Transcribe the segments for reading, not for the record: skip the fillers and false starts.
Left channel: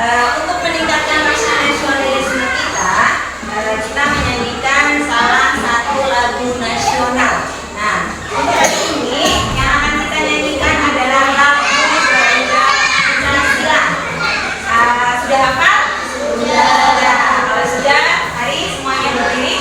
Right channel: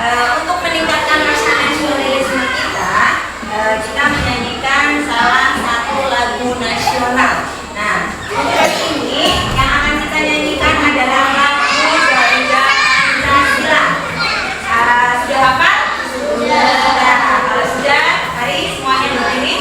Untuk meningkatkan rasa nasionalisme kita menyanyikan salah satu lagu nasional. Nah, untuk kali ini yang akan kita nyanyikan adalah lagu Gajah Pancasila. Sudah hafal? Sudah. Kalau sudah, mari semuanya berdiri.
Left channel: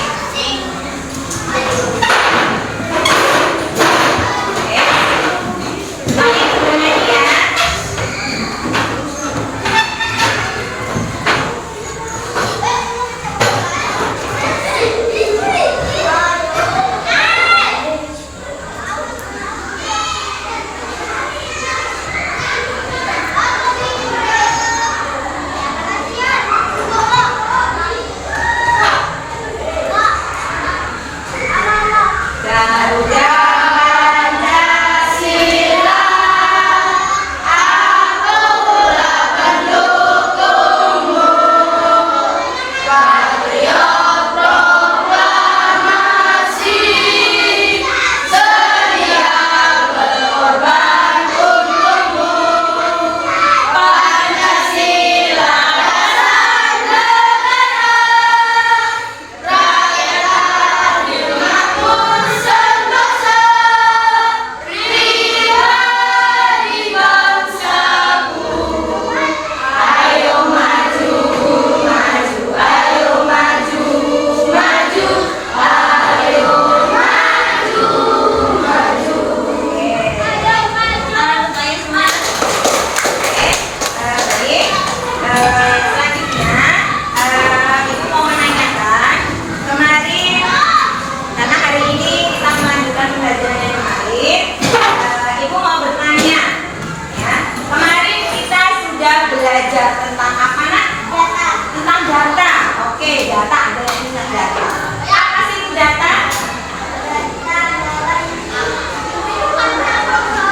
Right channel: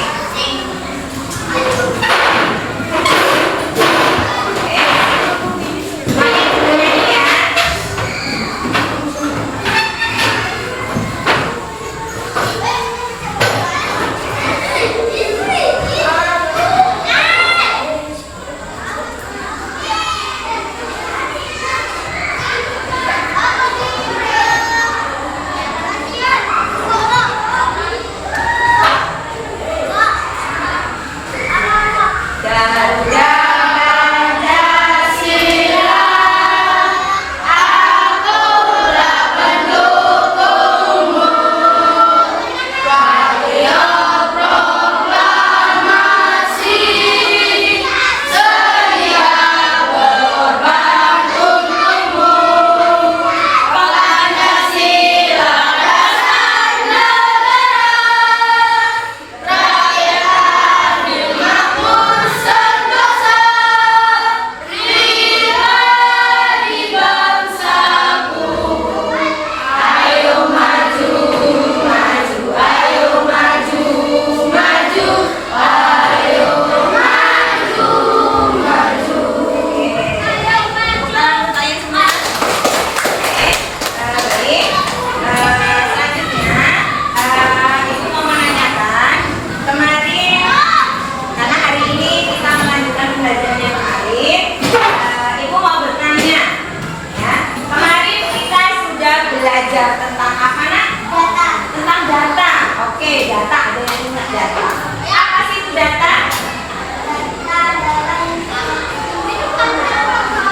Belajar tentang apa nak? Data. Tentang data. Oke, data. Ada yang ingat data? Apa sih itu data?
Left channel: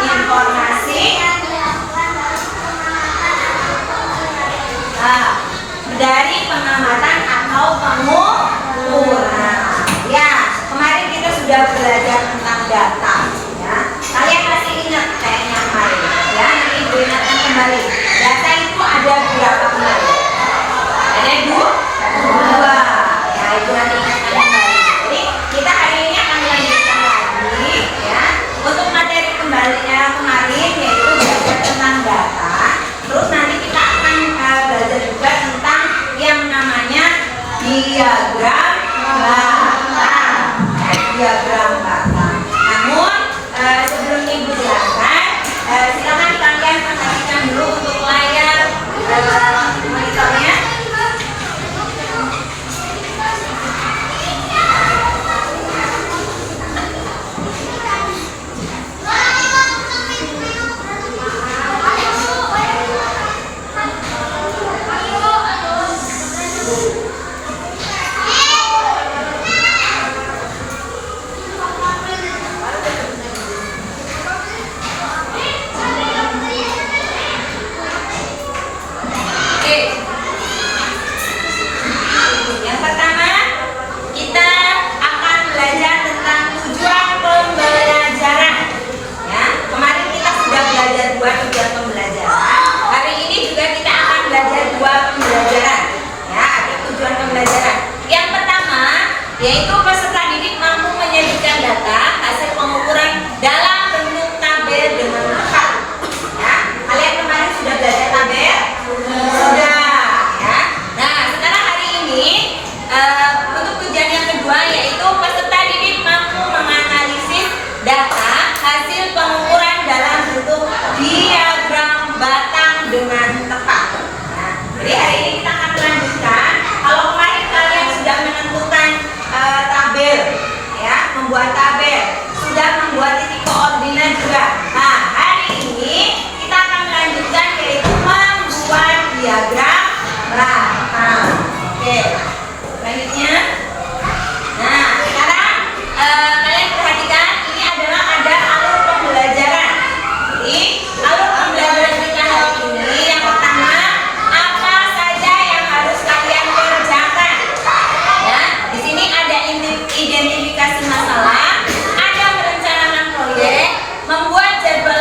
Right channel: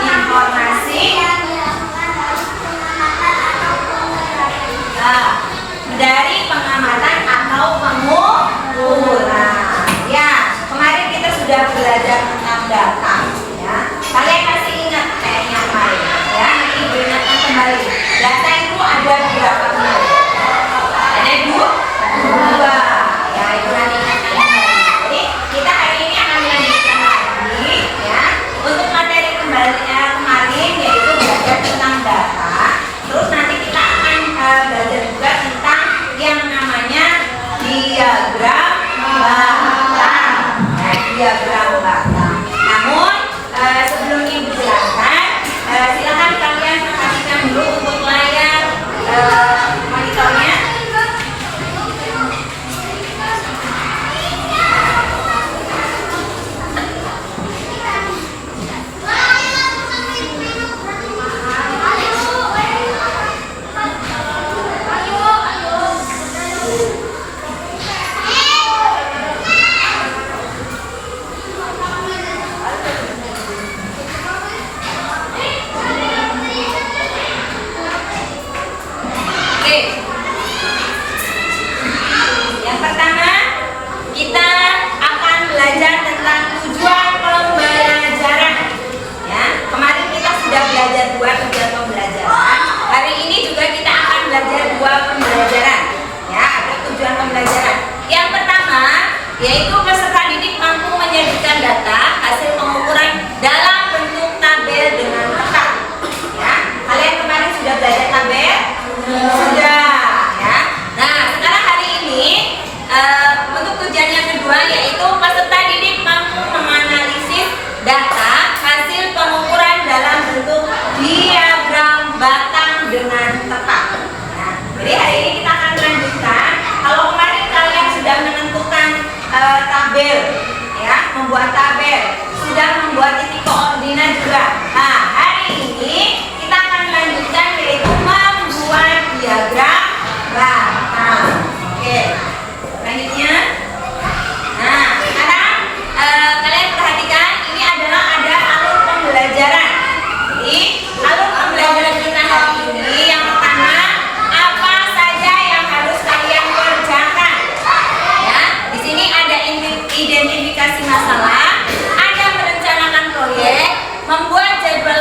Informasi dari pengamatan atau pengumpulan. Ya, kemarin kita sudah belajar tentang data. Ya, kalian masih ingat kayaknya kemarin? Ya, nanti ibu ingatkan kembali. Data itu ada berapa kemarin? Ada dua. Ya, ibu nanti ingatkan kembali. Jadi kita hari ini akan melanjutkan lagi, ya, untuk materi kembalinya kemarin, yaitu belajar tentang data. Terus nanti kita akan belajar juga tentang yang namanya diagram batang. Diagram batang. Namun sebelum ibu jelaskan, silakan kalian perhatikan dulu untuk layar monitornya. Yang pertama, kita akan belajar tentang tujuan pembelajaran. Ya, kemarin kita sudah belajar 2 tujuan pembelajaran. Hari ini juga kita akan belajar 2 pembelajaran. Ya, ada tujuan pembelajaran. Yang pertama, yaitu peserta didik mampu menyajikan data hasil pengukuran dalam bentuk tabel dengan tepat. Ya, kalian kemarin sudah belajar tabel? Sudah. Nah, sekarang hari ini untuk tujuan yang kedua, yaitu peserta didik mampu menganalisis data hasil pengukuran dalam bentuk diagram batang dengan tepat. Nah, jadi hari ini kita akan melanjutkan. Kalau kemarin kalian sudah menentukan tabel, ya, membuat tabel, sudah membuat titik koordinat juga. Nah, hari ini kita akan melanjutkan, yaitu membuat diagram batang. Oke, selanjutnya. Nah, sekarang kalian perhatikan, ini adalah ada alur pembelajaran. Jadi, alur pembelajaran kita hari ini, yang pertama, apa saja yang harus kalian kerjakan? Ya, di sini ada identifikasi masalah, ada merencanakan proyek, membuat jadwal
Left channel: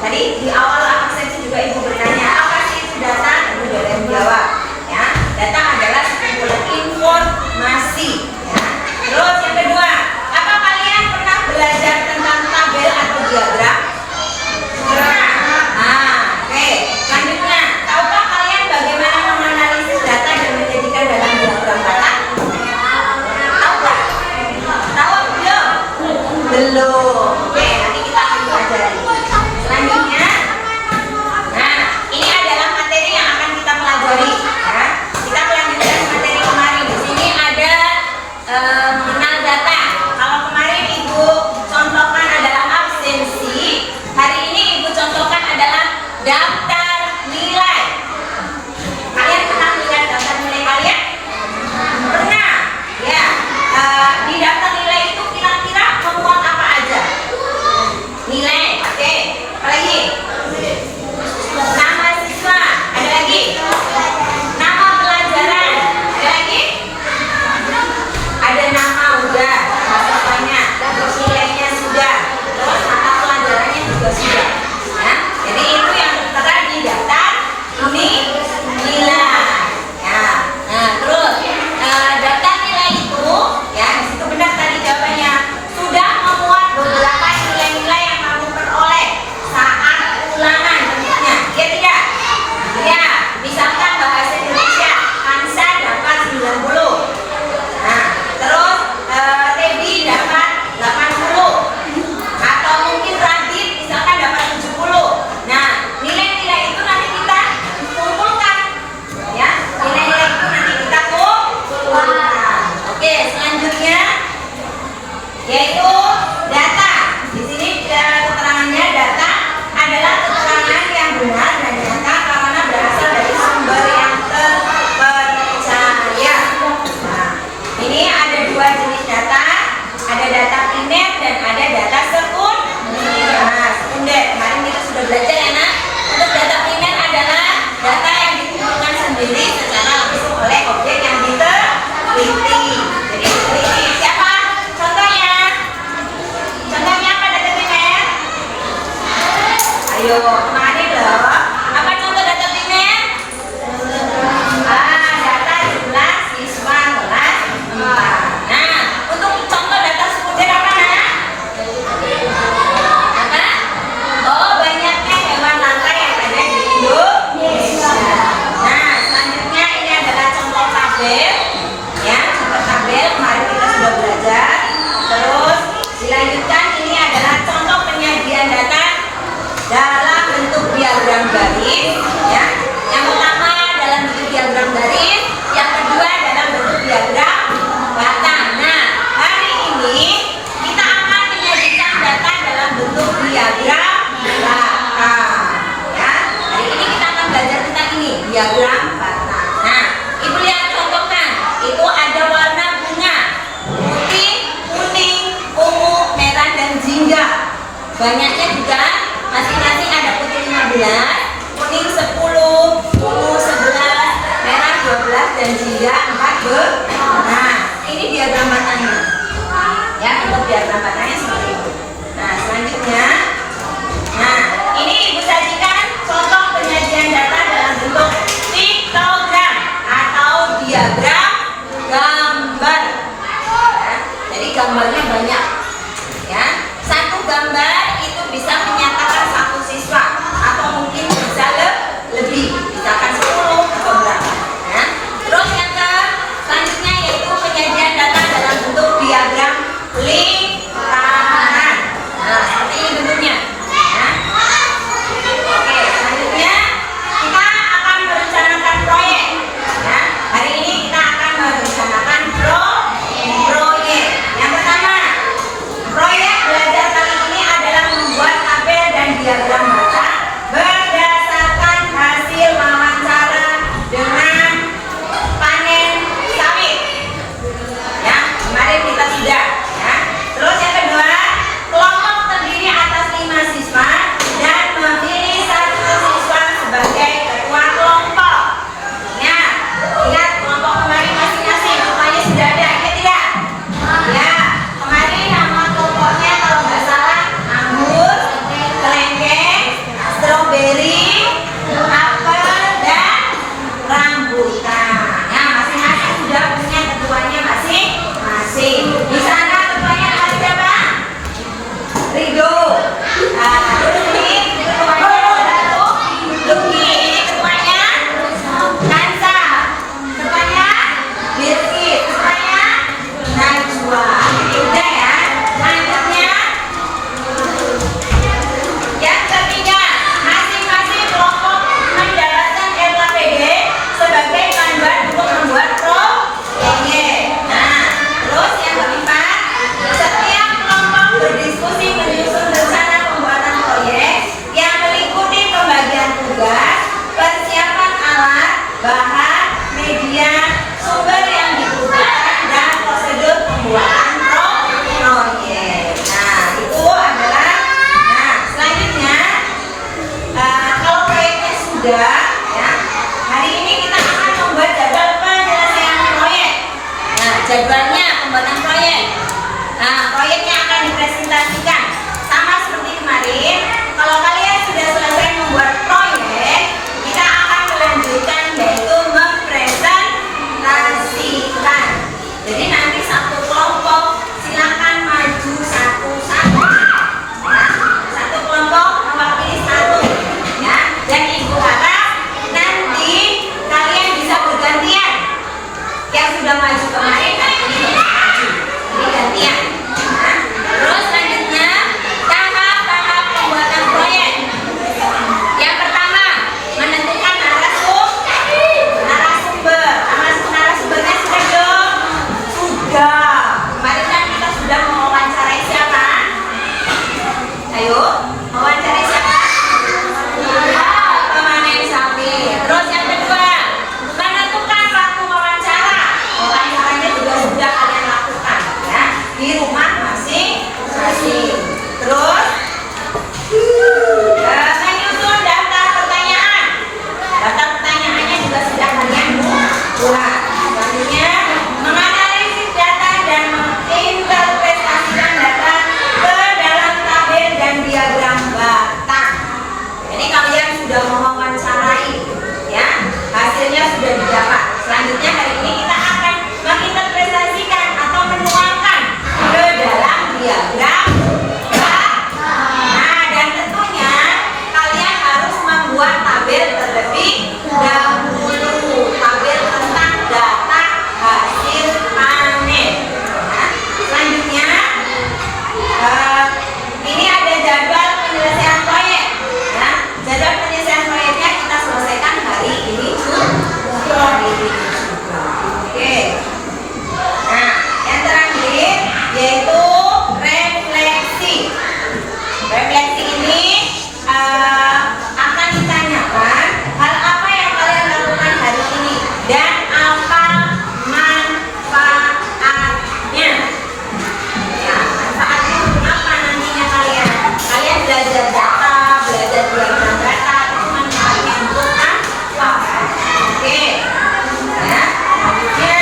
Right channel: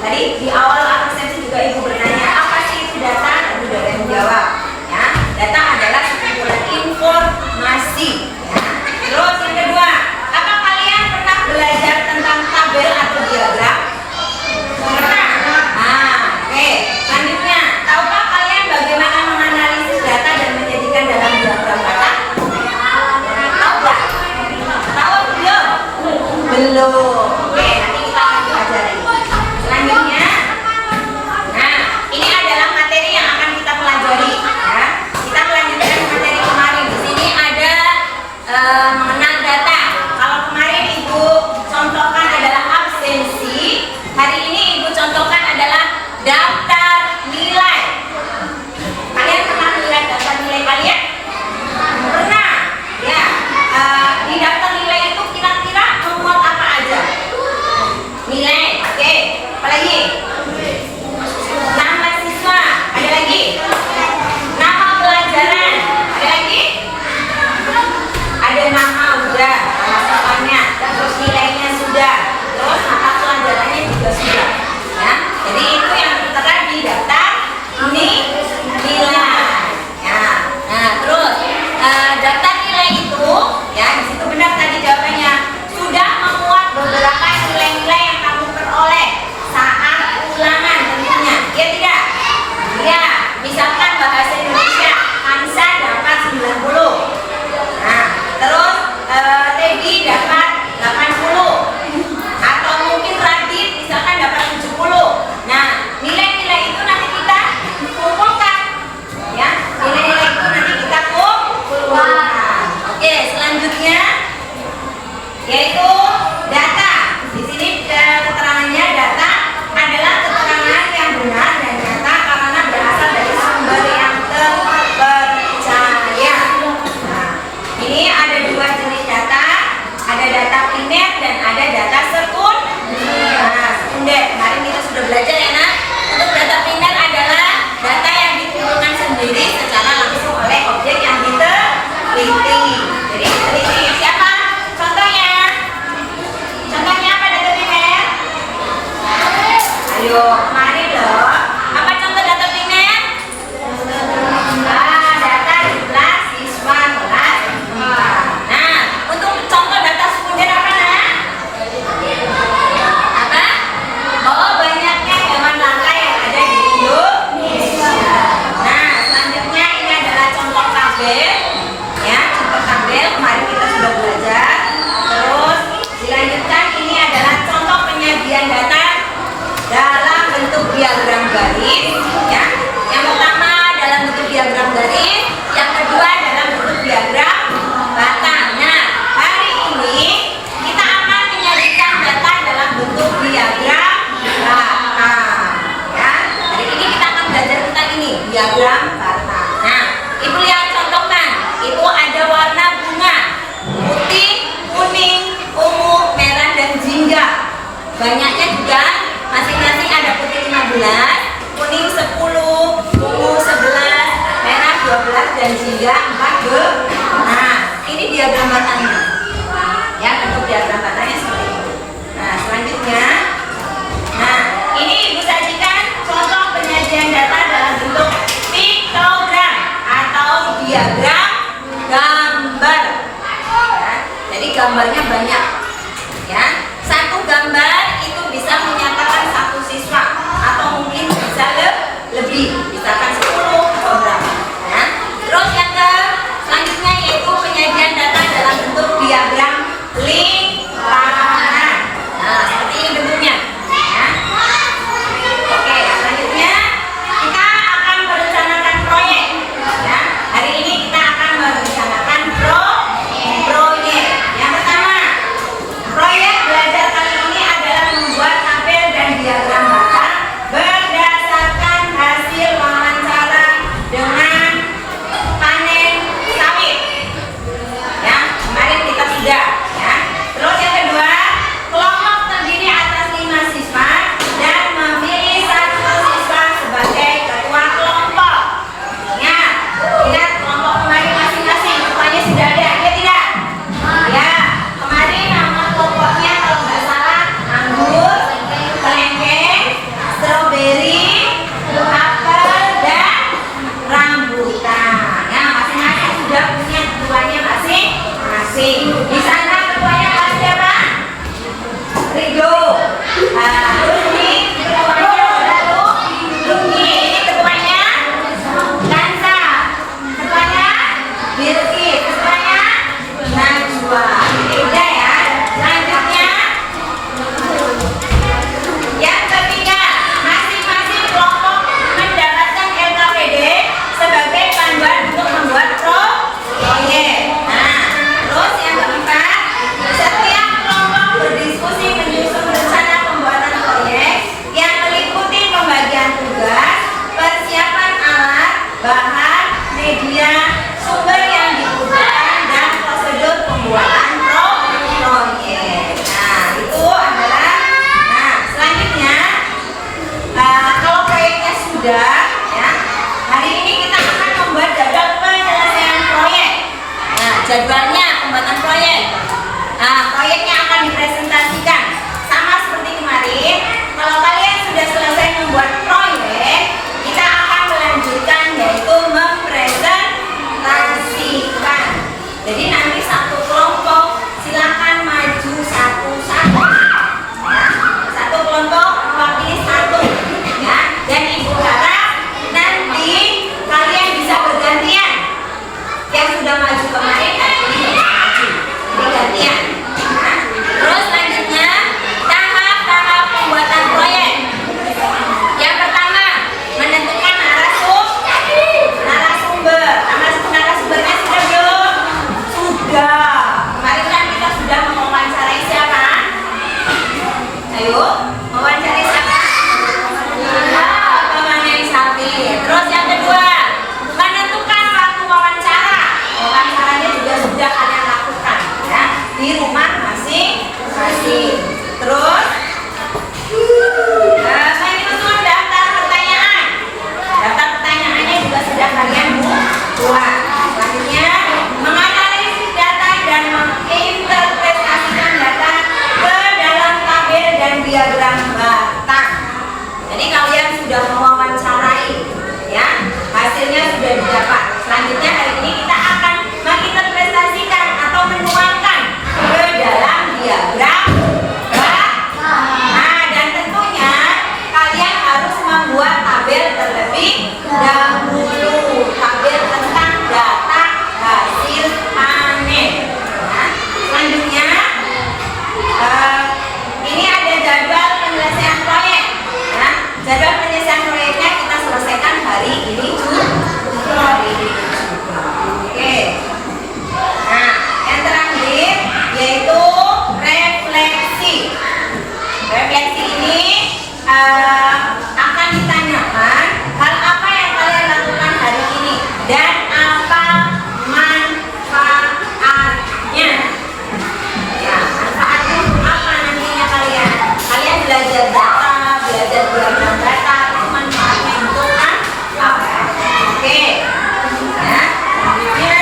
Tadi di awal absensi juga Ibu bertanya, apa sih itu data? Tadi udah ada yang jawab. Ya, data adalah sekumpulan informasi. Ya. Terus yang kedua, apa kalian pernah belajar tentang tabel atau diagram? Pernah. Nah, oke. Selanjutnya, tahukah kalian bagaimana menganalisis data dan menjadikan dalam diagram kata? Tahu nggak? Tahu belum? Belum. Oke, nanti kita akan pelajari. Selanjutnya, nah ini adalah materi yang akan kita pelajari. Ya. Kita melanjutkan materi kemarin. Di sini ada mengenal data. Kalau kemarin Ibu contohkan adalah absensi, hari ini Ibu contohkan adalah daftar nilai. Kalian pernah lihat daftar nilai kalian? Pernah? Ya. Di daftar nilai itu kira-kira memuat apa aja? Nilai, oke. Apalagi? Nama siswa, ada lagi? Nama pelajaran, ada lagi? Ada nama udah, nama siswanya, terus nilainya sudah, terus mata pelajarannya juga sudah. Ya, jadi itu yang tertera di daftar ini nilai. Ya, nah terus daftar nilai itu, ya di situ benar tadi jawabannya sudah memuat beberapa nilai-nilai yang kamu peroleh saat ulangan tentunya. Ya tidak? Ya, misalkan bahasa Indonesia Hansa dapat 90. Nah, terus Teddy dapat 80. Atau mungkin Radit misalkan dapat 70. Nah, nilai-nilai itu nanti kita kumpulkan. Ya, nilai-nilai itu nanti kita kumpulkan. Oke, selanjutnya yaitu data. Di sini keterangannya data adalah keterangan yang benar dan nyata karena berasal dari sumber yang terpercaya. Nah, ini ada dua jenis data, ada data primer dan ada data sekunder. Nah, sekunder kemarin kita sudah belajar ya nak. Untuk data primer adalah data yang dikumpulkan sendiri secara langsung oleh objek yang diteliti. Jadi diteliti siapa? Contohnya? Contohnya apa data primer? Ayo, kemarin loh. Apa contoh data primer? Data jumlah siswa kelas 4. Nah, untuk contoh data sekunder apa nak? Apa? Oh, banyaknya hewan langka yang ada di Indonesia. Nah, selanjutnya ini adalah contoh tabel. Ya, contoh tabel kemarin kita sudah belajar. Terus dilanjutkan ini adalah contoh penyajian data dalam bentuk diagram garis. Ya, yang pertama dalam bentuk diagram garis, yang kedua dalam bentuk diagram batang. Nah, hari ini kita akan menyajikan data dalam bentuk diagram batang. Ya, hari ini kita akan belajar tentang ini diagram batang. Nah, Ibu lihat contohkan. Itu ada warna bunga putih, kuning, ungu, merah dan jingga. Banyaknya juga masing-masing ada putih 15, kuning 10, ungu 11, merah 12 dan jingga 14. Nah, ini diagram batangnya. Ya, bentuk diagram batangnya seperti itu. Nah, selanjutnya, nah ini Ibu sajikan contoh penyajian data dalam bentuk piktogram atau diagram gambar. Ya, jadi gambarnya banyak. Ya, satu gambar itu bisa menyatakan satu siswa atau mungkin bisa lebih, misalkan 10 atau berapa. Ya. Terus yang selanjutnya yaitu penyajian data dalam bentuk diagram lingkaran. Nah, seperti ini bentuknya. Ya. Oke, selanjutnya kita akan merencanakan proyek. Ya, hari ini kita akan merencanakan proyek. Yang pertama, sudah, ya. Hari ini kita akan membuat jadwal penyelesaian proyek. Nah, jadwalnya pembuatan proyek. Nah, proyeknya akan dipresentasikan sama seperti kemarin. Kalau kalian sudah selesai membuat proyek, kita akan melanjutkan yaitu mempresentasikan. Jadi nanti satu kelompok silakan maju satu-satu. Ya, satu kelompok mewakili satu. Ya, dan ibu harap nanti kalian bisa bergantian. Yang sudah maju kemarin hari ini bisa maju. Jadi gantian. Nah, terus selanjutnya tahap-tahap pembuatan proyek. Yang pertama, menentukan narasumber. Narasumbernya sudah belum? Sudah. Kemarin kan kita sudah mewawancarai siapa? Ayo, mewawancarai siapa? Pemanai sapi. Terus yang kedua, menentukan waktu wawancara. Wawancaranya juga sudah kalian lakukan, ya, di rumah masing-masing. Terus menyusun daftar pertanyaan. Daftar pertanyaannya juga sudah kalian buat. Selanjutnya, menganalisis data dan menginterpretasikan data ke dalam tabel dan diagram batang. Jadi kalian sudah mewawancarai, ya, hasilnya sudah didapat. Selanjutnya hari ini kita akan menginterpretasikan atau menuangkan ke dalam diagram batang. Nah, dan tentunya kalian harus membuat tabel terlebih dahulu, tabel tentang data hasil panen. Ya. Selanjutnya ini ada jadwal penyelesaian proyek. Ya. Jadwal penyelesaian proyeknya kita selesaikan hari ini juga. Oke. Nah, yang terakhir yaitu refleksi. Refleksi ini akan ditanyakan hal apa yang kalian lakukan hari ini dan apa manfaatnya. Nah, manfaatnya apa nantinya kalian? Kalian belajar data, belajar diagram data, itu manfaatnya untuk apa? Oke. Nah, selanjutnya.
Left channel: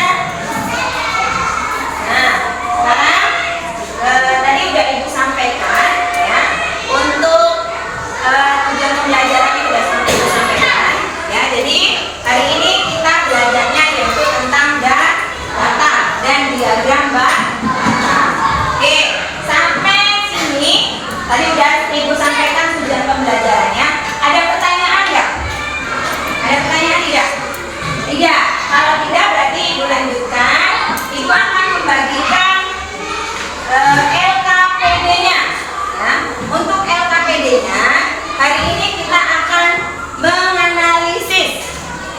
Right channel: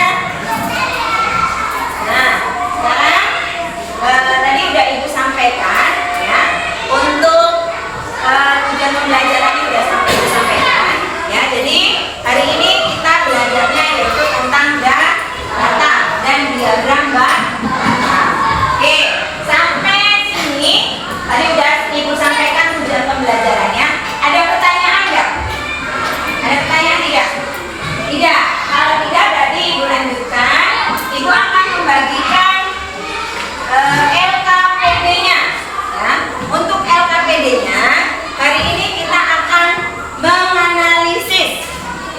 Nah, sekarang tadi udah Ibu sampaikan, ya, untuk tujuan pembelajarannya sudah disampaikan, ya. Jadi hari ini kita belajarnya yaitu tentang data dan diagram batang. Oke, sampai sini tadi udah Ibu sampaikan tujuan pembelajarannya. Ada pertanyaan nggak? Ada pertanyaan tidak? Tidak. Kalau tidak berarti Ibu lanjutkan. Ibu akan membagikan LKPD-nya. Ya. Untuk LKPD-nya hari ini kita akan menganalisis,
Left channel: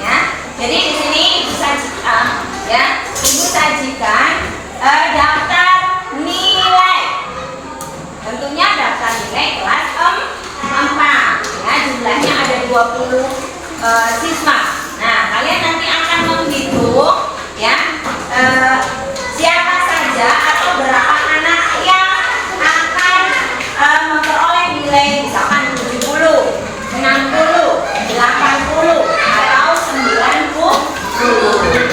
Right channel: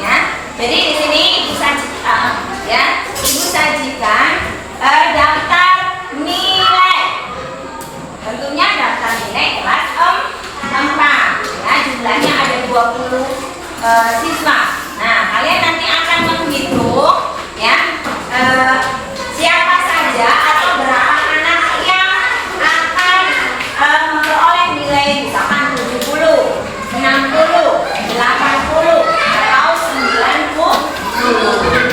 ya. Jadi di sini Ibu sajikan, ya, Ibu sajikan daftar nilai. Tentunya daftar nilai kelas 4. Ya, jumlahnya ada 20 siswa. Nah, kalian nanti akan menghitung, ya, siapa saja atau berapa anak yang akan memperoleh nilai misalkan 70, 60, 80 atau 90.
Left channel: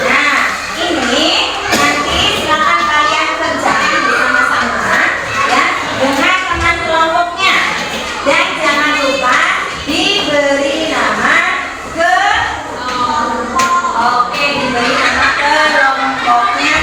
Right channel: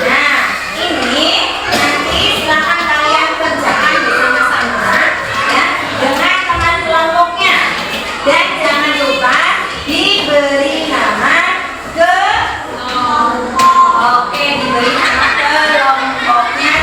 Nah, ini nanti silakan kalian kerjakan bersama-sama, ya, dengan teman kelompoknya. Dan jangan lupa diberi nama kelompok. Oke, diberi nama kelompoknya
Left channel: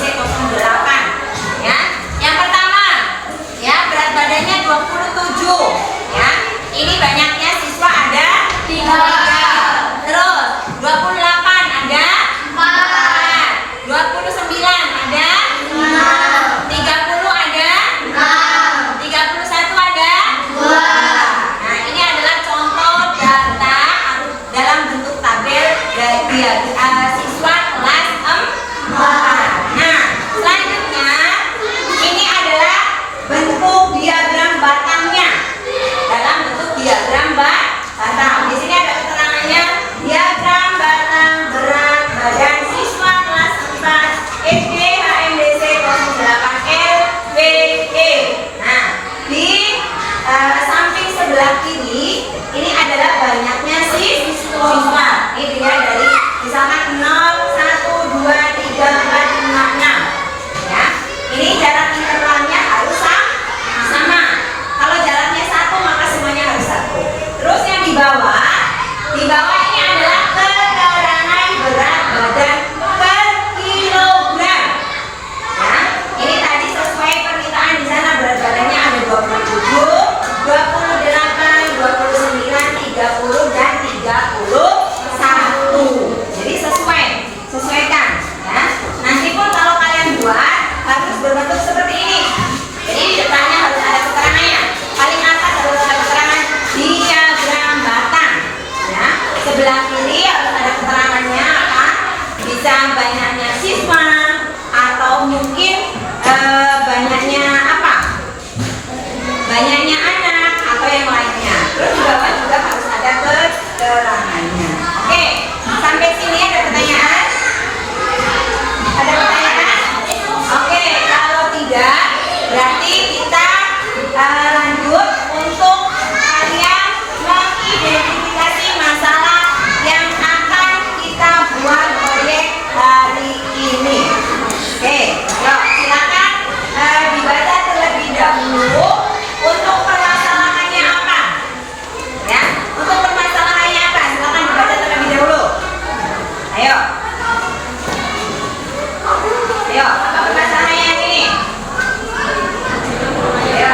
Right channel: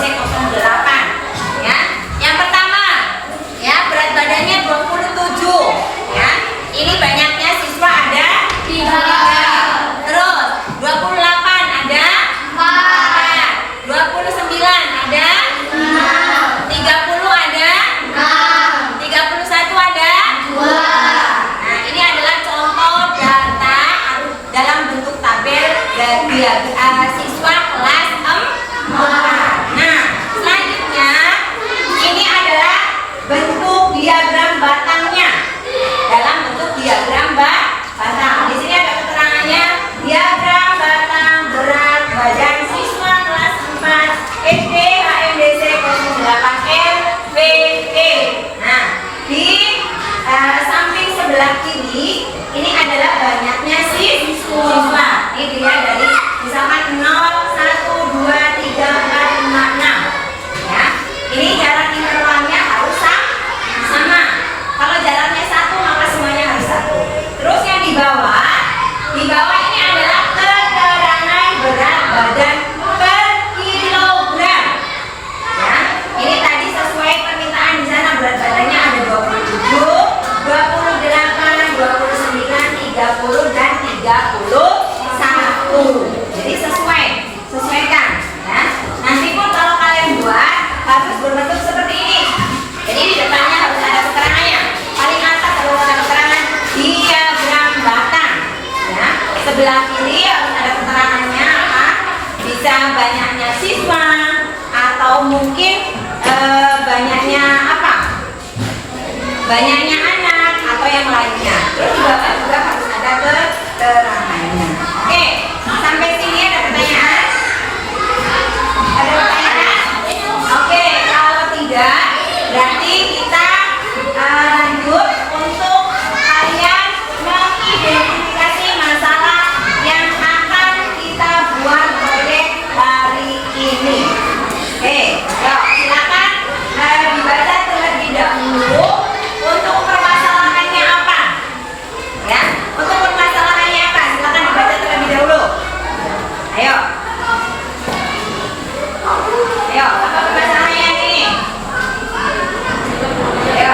IMDC 08. Ya. Yang pertama, ya berat badannya 27. Ya. Ini banyaknya siswa ada 3. Terus 28 ada 4. 29 ada 30 ada 31 ada 2. Nah, ini adalah contoh data dalam bentuk tabel siswa kelas 4. Nah, selanjutnya ini adalah bentuk diagram batangnya. Dalam bentuk diagram batang. Di sini ada keterangannya, diagram batang berat badan siswa kelas 4 SD HMDC 08 LPE. Nah, di samping sebelah kiri ini adalah banyaknya siswa. Ini dia dari misalkan 0, 1, 2, 3, 4, 5, 6. Ya. Ini jarak intervalnya harus sama. Kalau jaraknya 1 maka semuanya harus 1. Terus yang di bawah ini adalah keterangan berat badan per kilogram. Ya, ini tadi sesuai permintaan di sana berat badannya ada 27, 28, 29, 30 dan 31. Jadi sesuaikan. Ya. Nanti pun kalau kalian buat harus berbentuk seperti ini. Jadi di depannya harus ada keterangannya. Paling atas harus ada keterangan diagram batang. Ya. Sebelah kiri harus ada keterangannya apa? Bisa banyaknya siswa atau mungkin banyaknya apa? Banyaknya anak atau yang lainnya. Terus di bawah juga harus ada keterangannya. Oke, sampai sini ada pertanyaan? Ada pertanyaan? Oke, kalau tidak berarti kita lanjut untuk kalian mengidentifikasi masalah yang akan kita buat proyek hari ini. Oke, yuk silakan dibaca terlebih dahulu untuk permasalahannya apa. Ya, untuk permasalahannya apa? Silakan dibaca terlebih dahulu. Ayo. Ayo, apa permasalahannya ini? Ayo.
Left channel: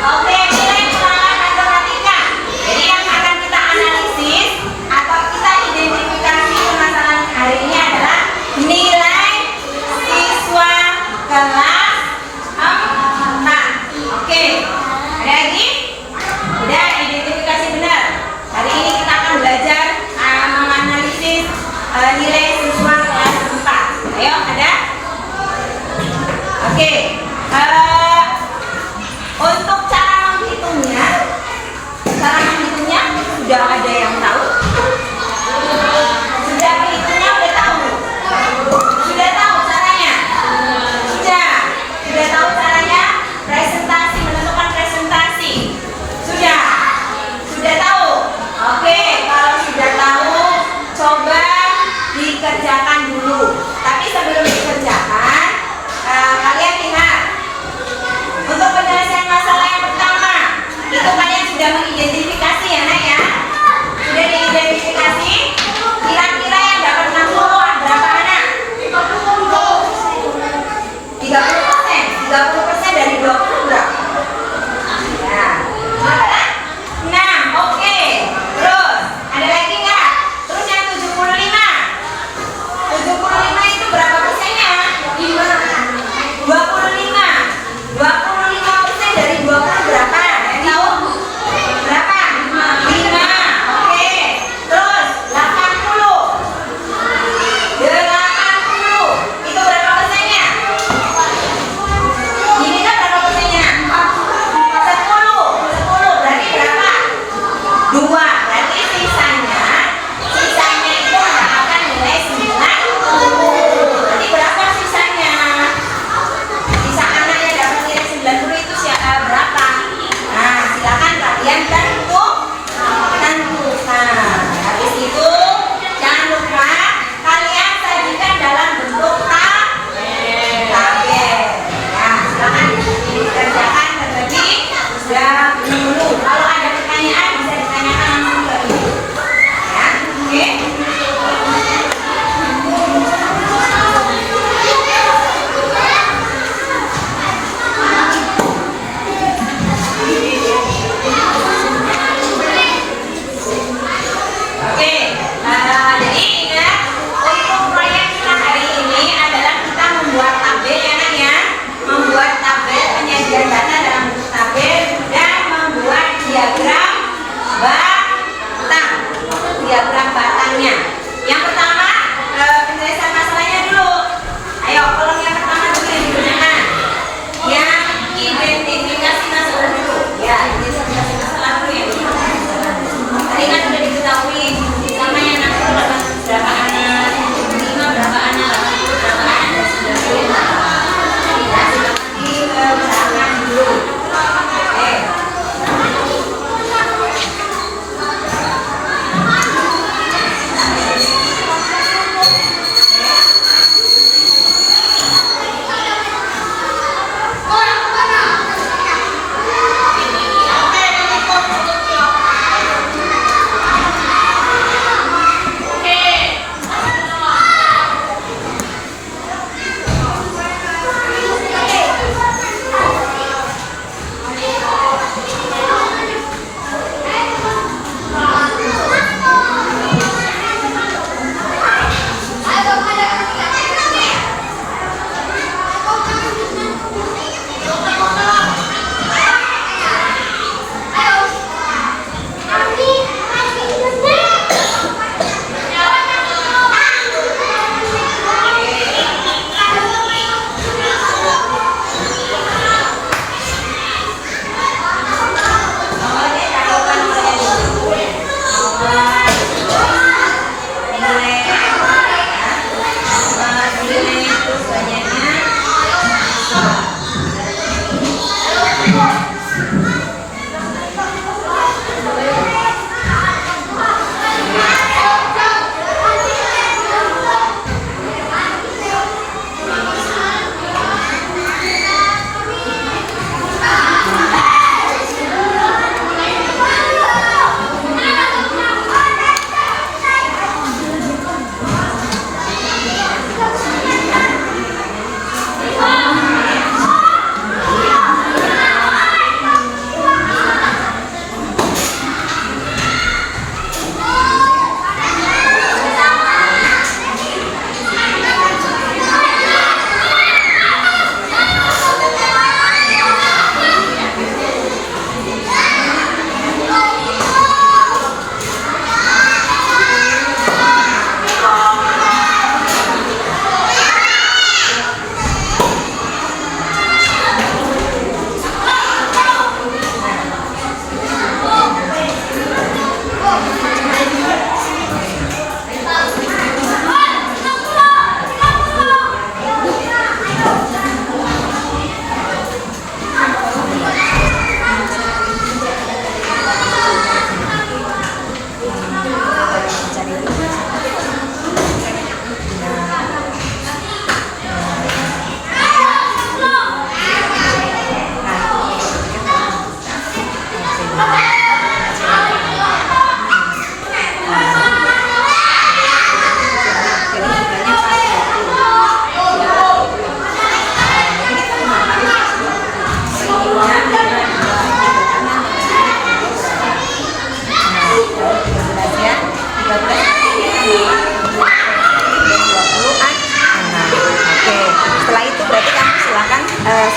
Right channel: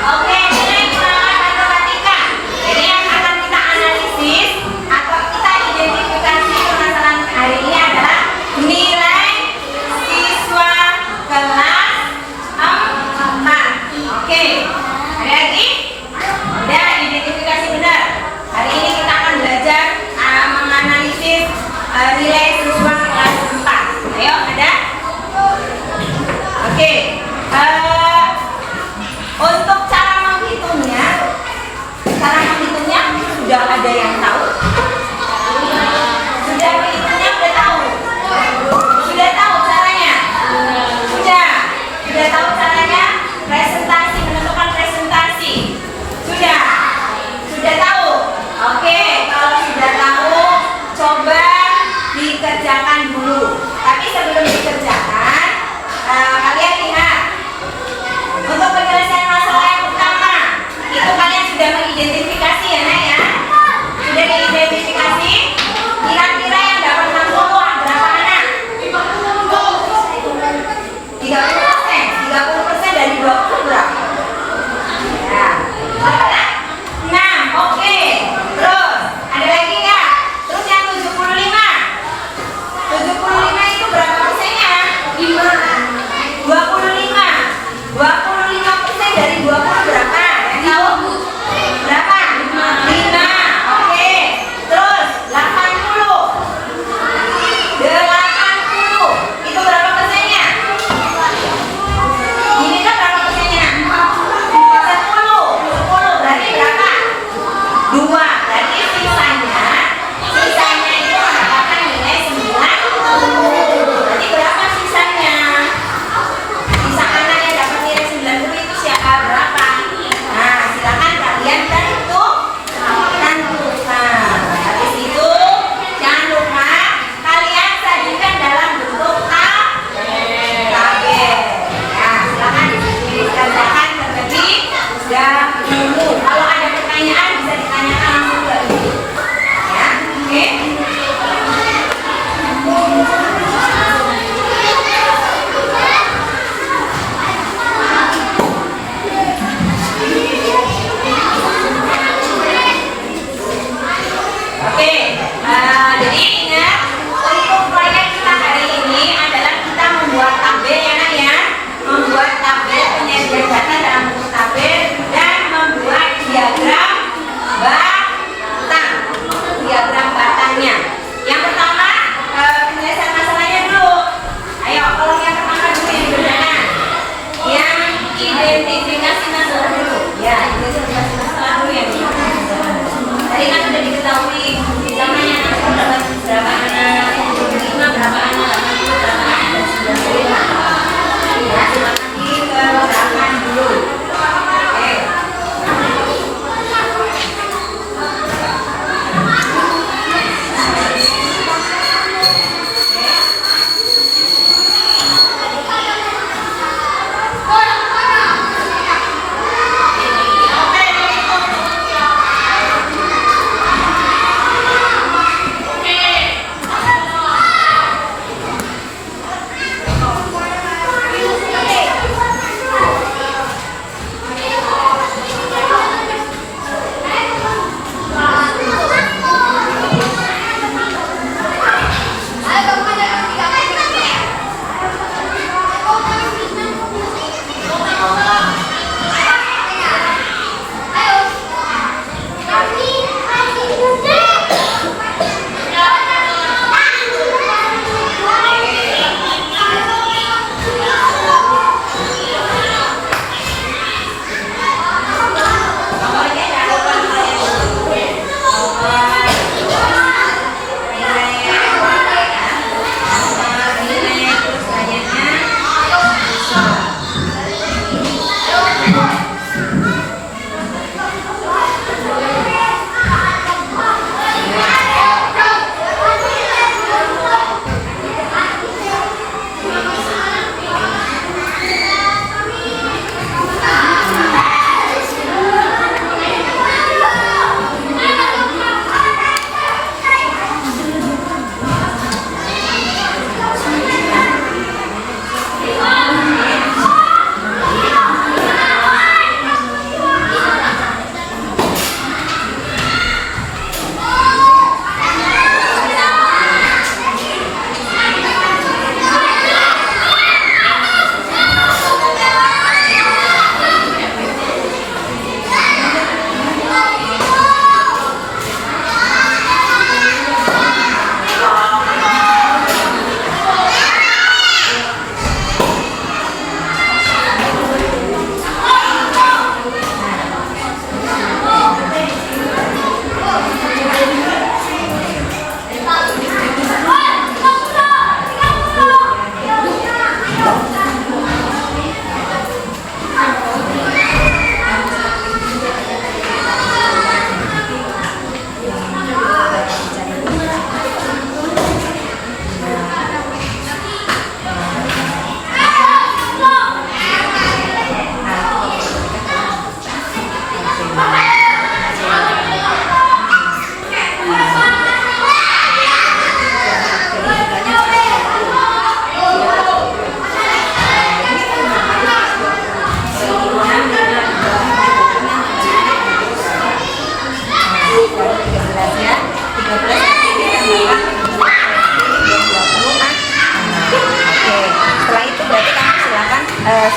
Oke, nilai pengalaman matematika. Jadi yang akan kita analisis atau kita identifikasi permasalahan hari ini adalah nilai siswa kelas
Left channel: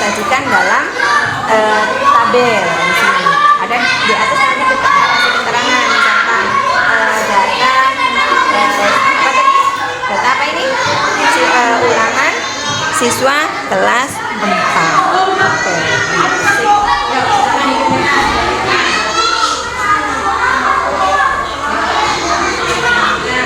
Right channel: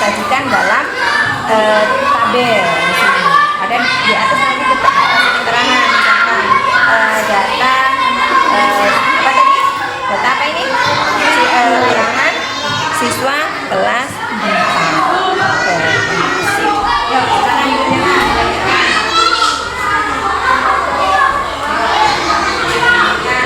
sajikan dalam tabel di sini. Ada di atas nanti kita kasih keterangan misalkan data apa tadi? Data apa ini? Ulangan siswa kelas 4. Oke.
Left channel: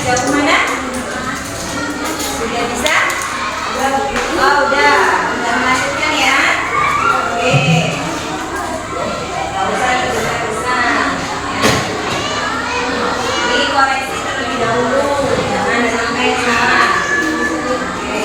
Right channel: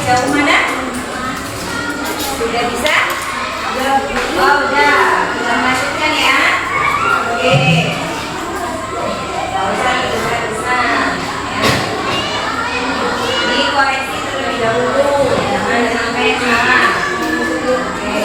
sejauh mana? Sudah bisa? Oh, udah melanjutkan ya. Oke. Gak usah besar-besar ya. Dikoreksi terlebih dahulu, jangan sampai salah. Oke.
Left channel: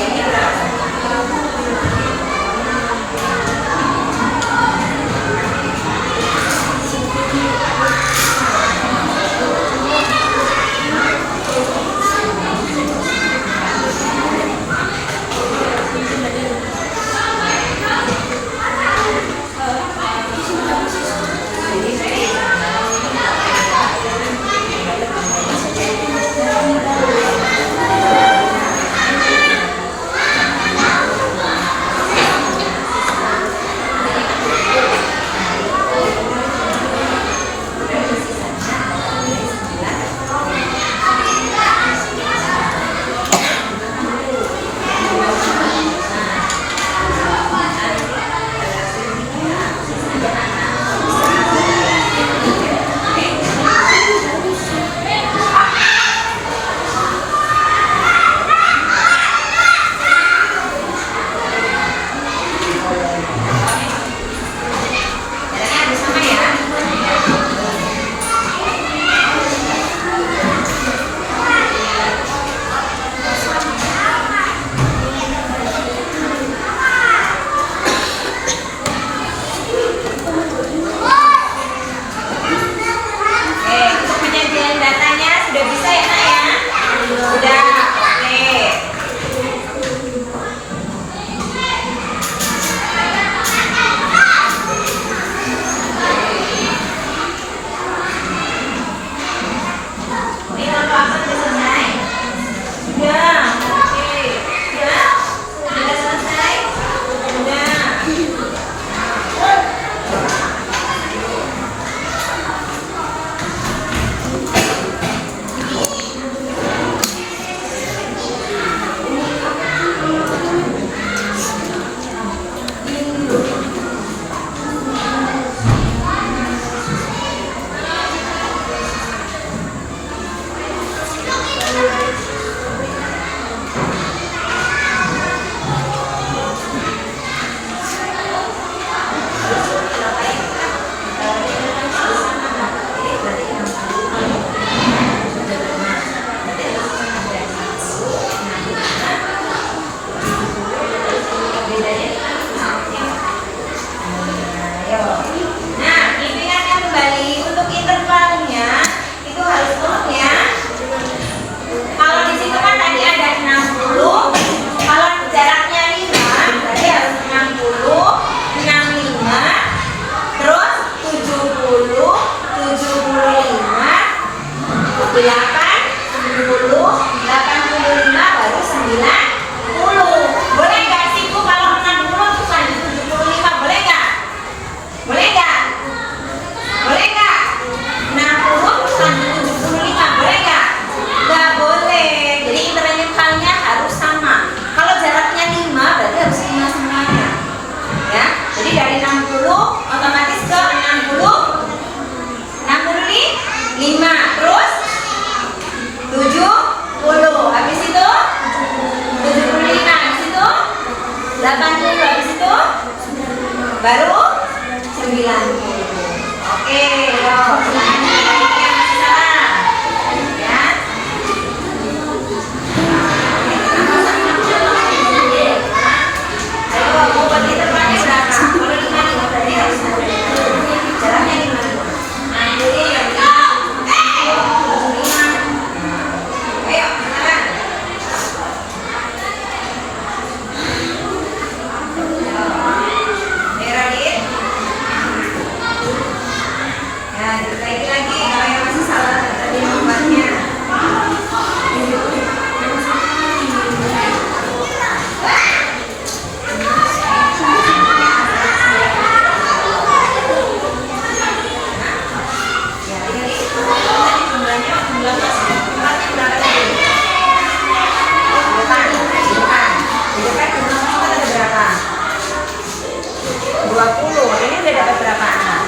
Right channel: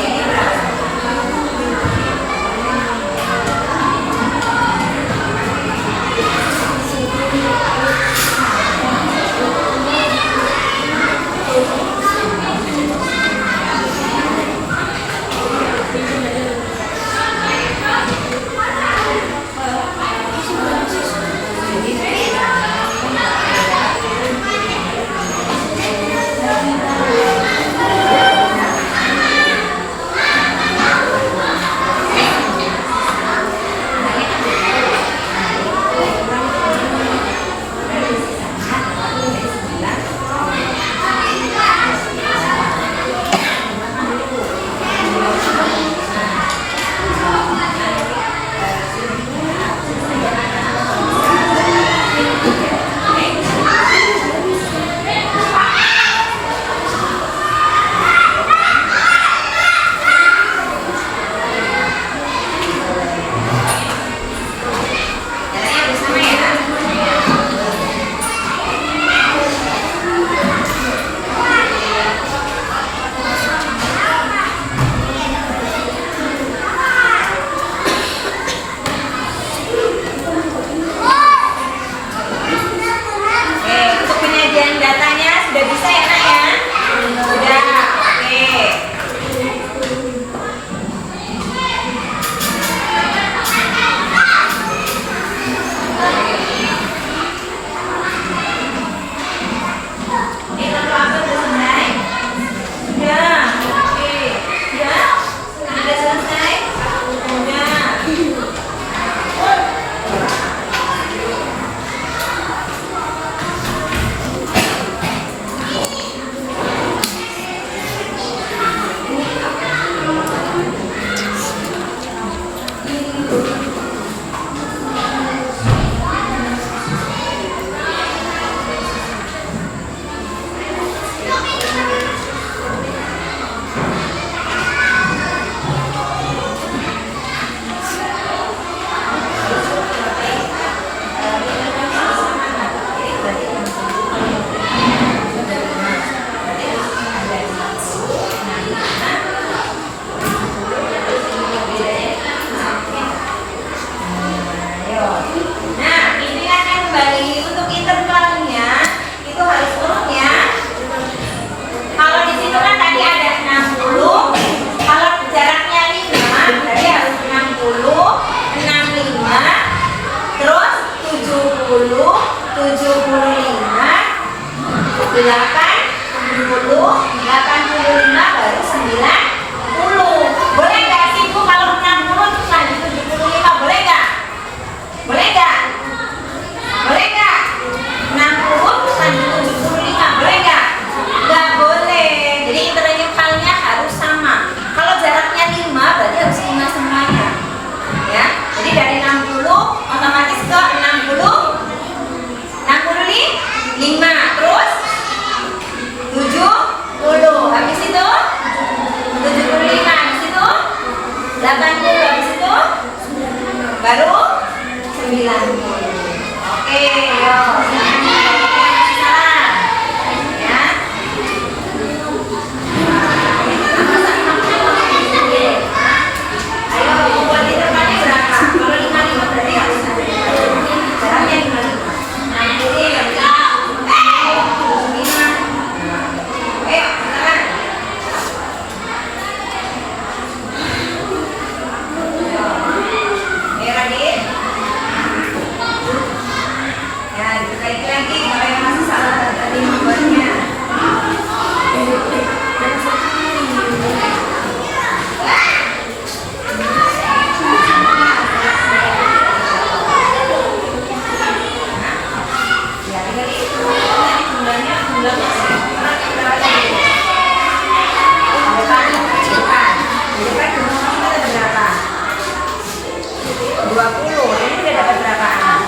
Baru 90. Boleh nggak sih Bu kalau 60 terus lanjut 75? Boleh nggak? Boleh nggak? Boleh nggak? 60 terus lanjut 75? Boleh nggak? Nggak boleh. Jadi intervalnya harus sama. Kalau jaraknya 5 berarti harus 5 semuanya. Ya. Jadi dari 60 otomatis ke 60. 65 terus 70, habis itu 75, habis itu 80, habis itu baru 90. Oke, yuk silakan dibalikin yang masih salah ya. Ayo buat intervalnya berapa? Kalau 55 berarti harus ada jaraknya 55. 60. Ayo, silakan. Ayo, Radit. Ya, diperbaiki lagi kalau yang masih salah tadi nomornya. Ya, tadi jumlahnya ada berapa? 20. Ini udah dapat berapa anak?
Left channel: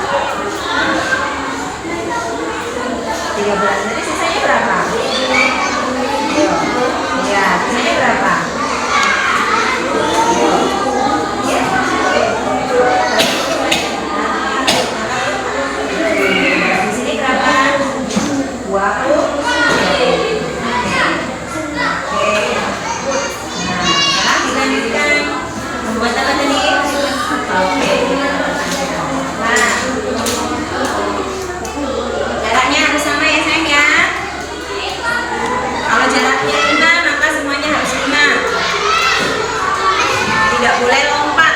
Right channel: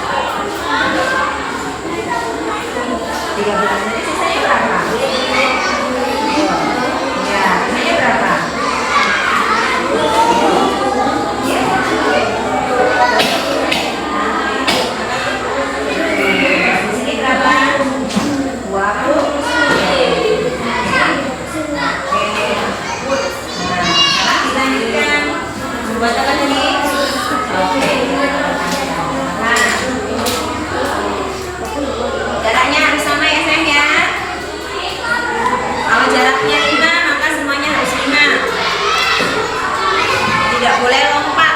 13. Jadi sisanya berapa? Ayo. Ya, nilainya berapa? Ayo. Ya. Di sini berapa? 20. Oke. Nah, sekarang dilanjutkan. Buat apa tadi? Oke. Nah, jaraknya harus sama ya sayang ya. Kalau jaraknya 5, maka semuanya harus 5. Tidak boleh lompat.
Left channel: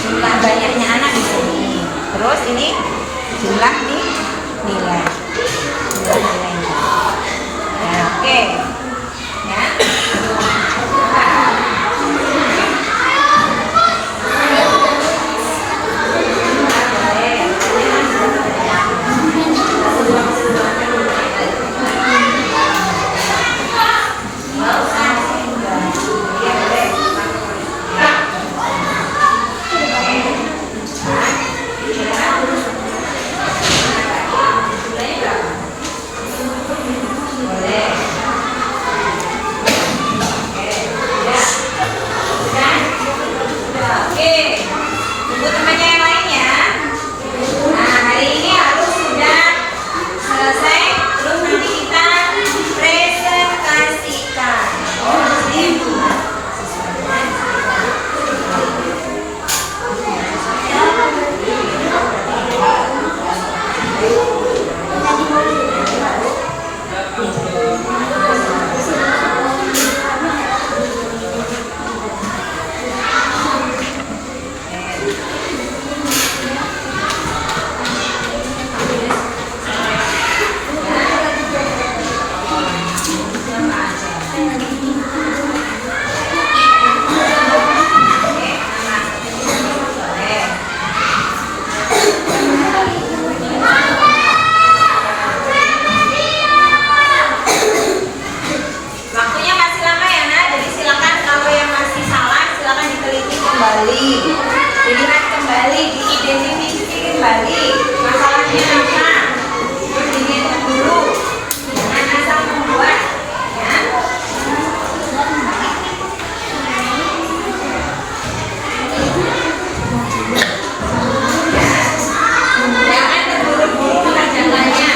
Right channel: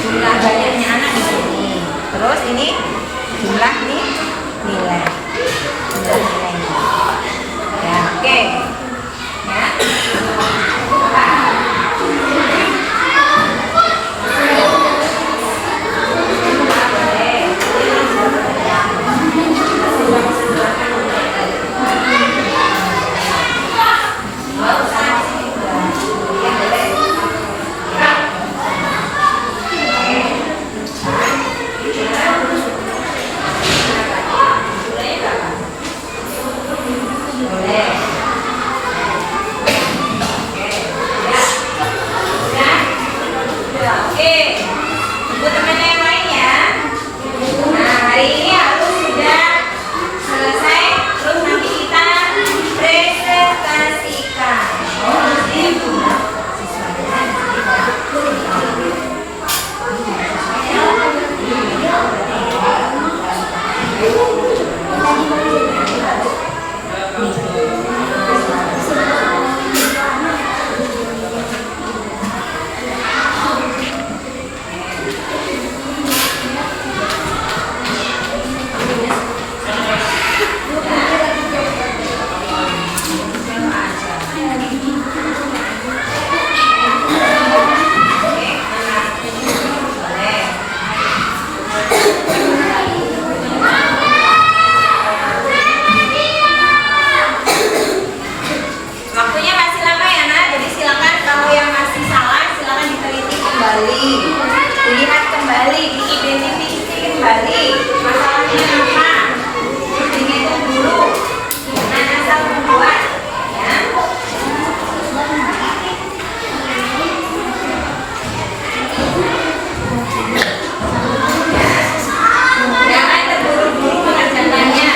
Jumlah banyaknya anak di sini. Terus ini jumlah nih nilai. Jumlah nilainya. Ya, oke. Ya. Boleh. kembali, dilihat kembali, diidentifikasi kembali masalahnya apa, terus dihitung dulu, jangan asal membuat, ya. Jangan terburu-buru mengerjakannya.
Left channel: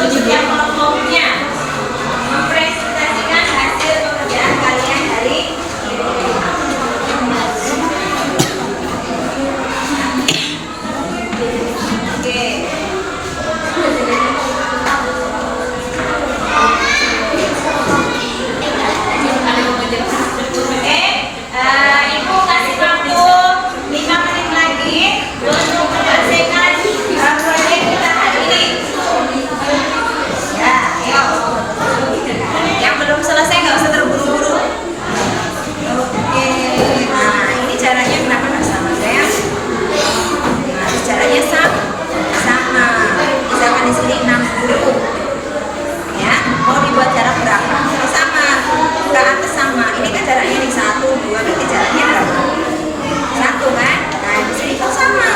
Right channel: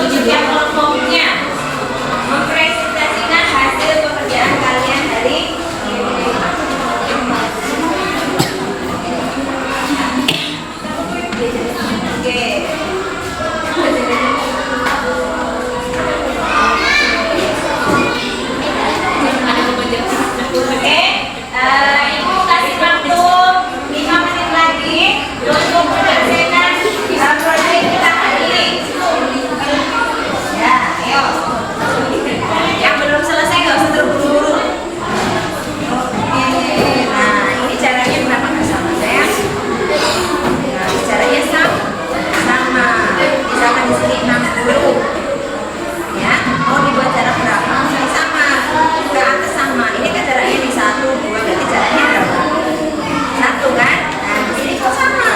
untuk setiap kelompoknya mempresentasikan hasil pekerjaan kalian hari ini. Oke. Ibu kasih waktu 5 menit lagi untuk menyelesaikan proyek kita hari ini. Ya, ayo. Yang belum selesai nggak usah terburu-buru. Nah, ini caranya kenapa nggak sama saya? Nah, caranya sama. Misalkan di sini 60. Ya, mau dibuat jarak berapa? Sama. Ke atas sama. Ini kan jaraknya di 1, 2, berarti jaraknya berapa? 1 kan? Nah, di sini kok sama.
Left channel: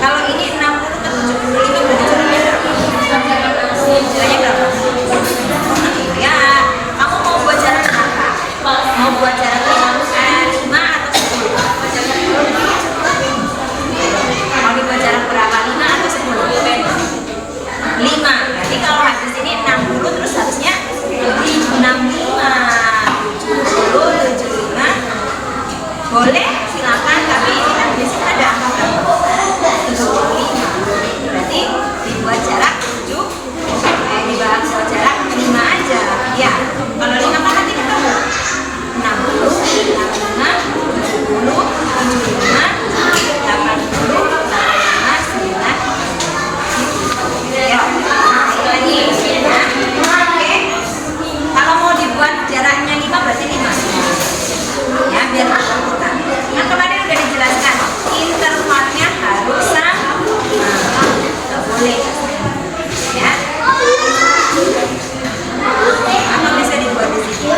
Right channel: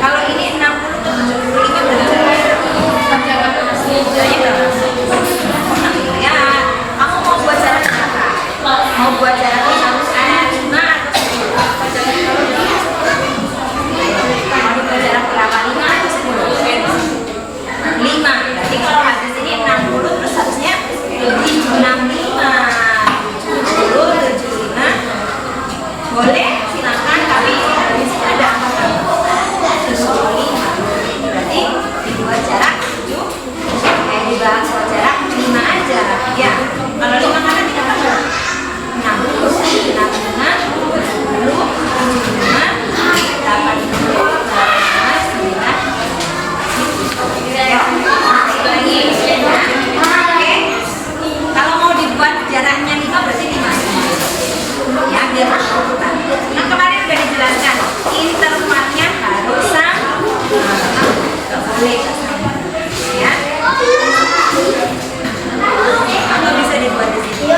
Kalau ini 60 ke 70, ini berarti jaraknya berapa? Jaraknya berapa? Ya, kamu mau buat jarak berapa? Mau buat jarak 5 atau 10? Mau dibuat jarak berapa? 5 atau 10? 5. Berarti kalau habis ini 60 terus harusnya 75. 75 boleh silakan, tapi habis itu ada 75. Berarti dibuat jarak 7, dibuat jarak 5 aja. Ya, kalau 5 kan nanti kita buat 60, 65, 70, 75, 80, 85, 90. Ya, lagi ya. Oke. Kalau mau dibuat jaraknya 5 berarti 5 ya, biar urutan. Nah, kemarin udah dijelaskan intervalnya harus sama, nggak boleh ya. Atau bisa dibuat di sini.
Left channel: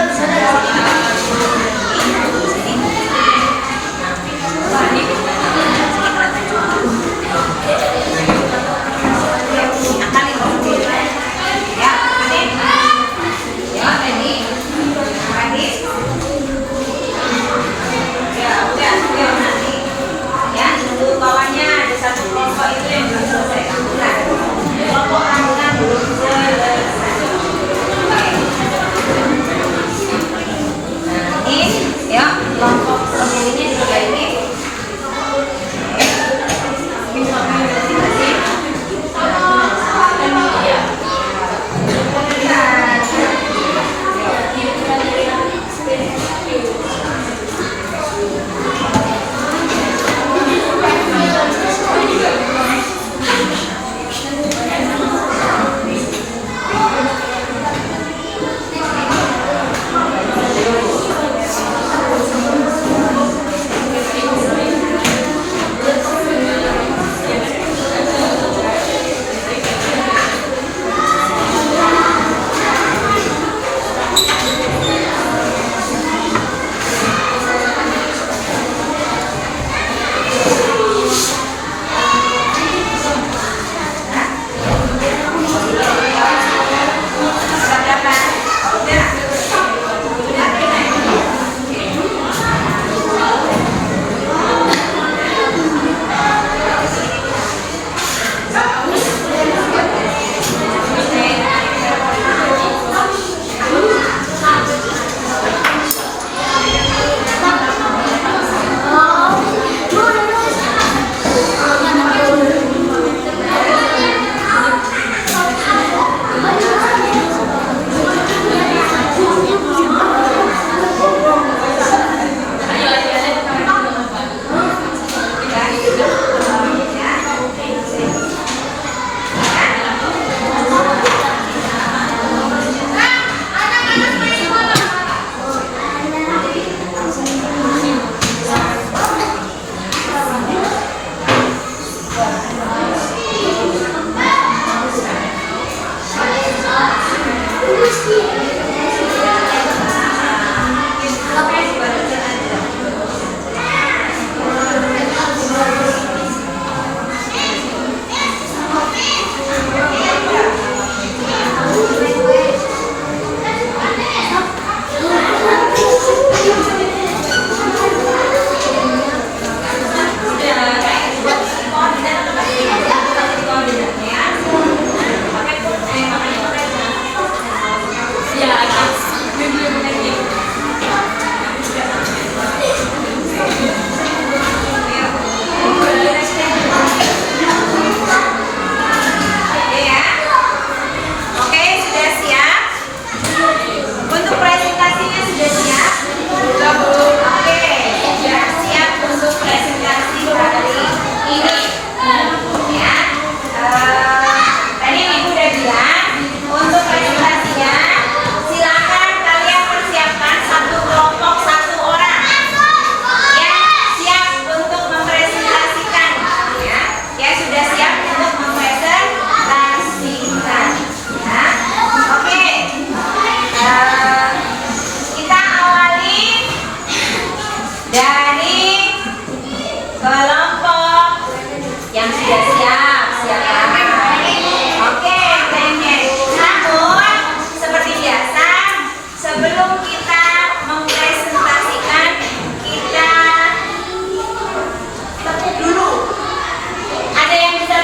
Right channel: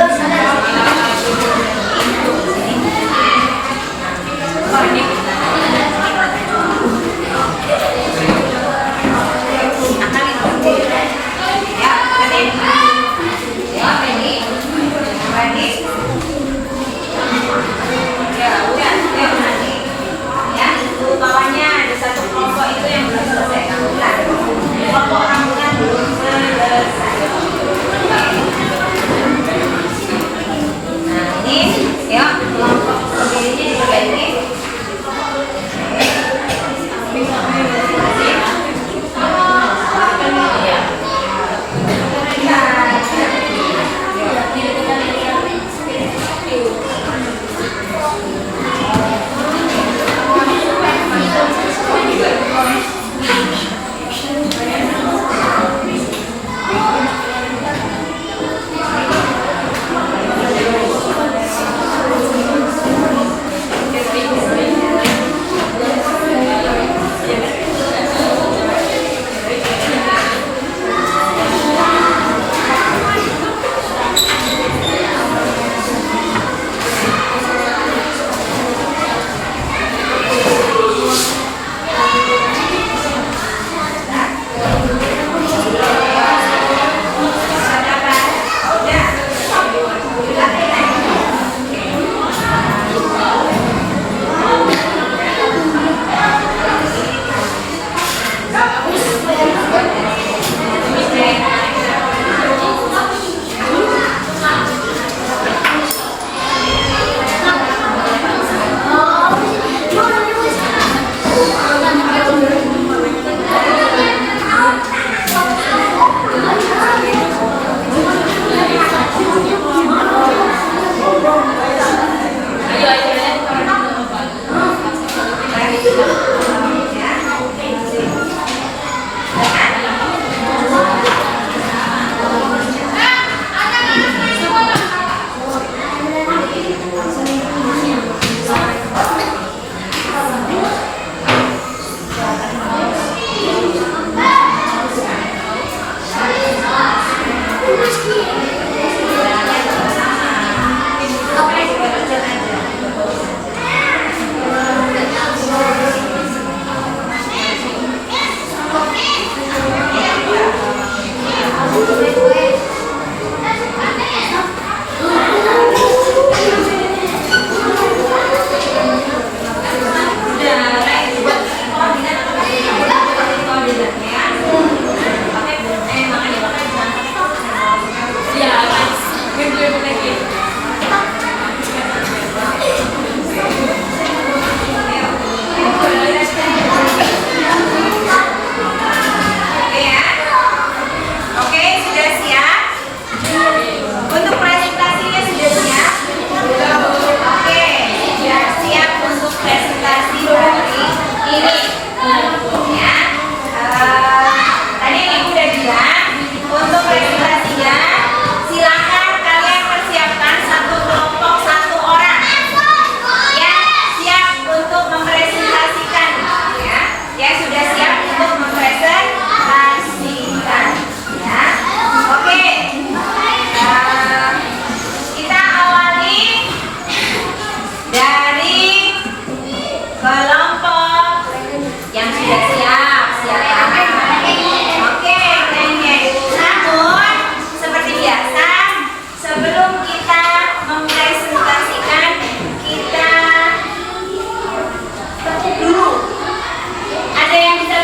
Bawahnya ada satu kelompok itu yang belum selesai. Kelompok rambutnya belum selesai. Nah, ini ya kelompok ini diperbaiki.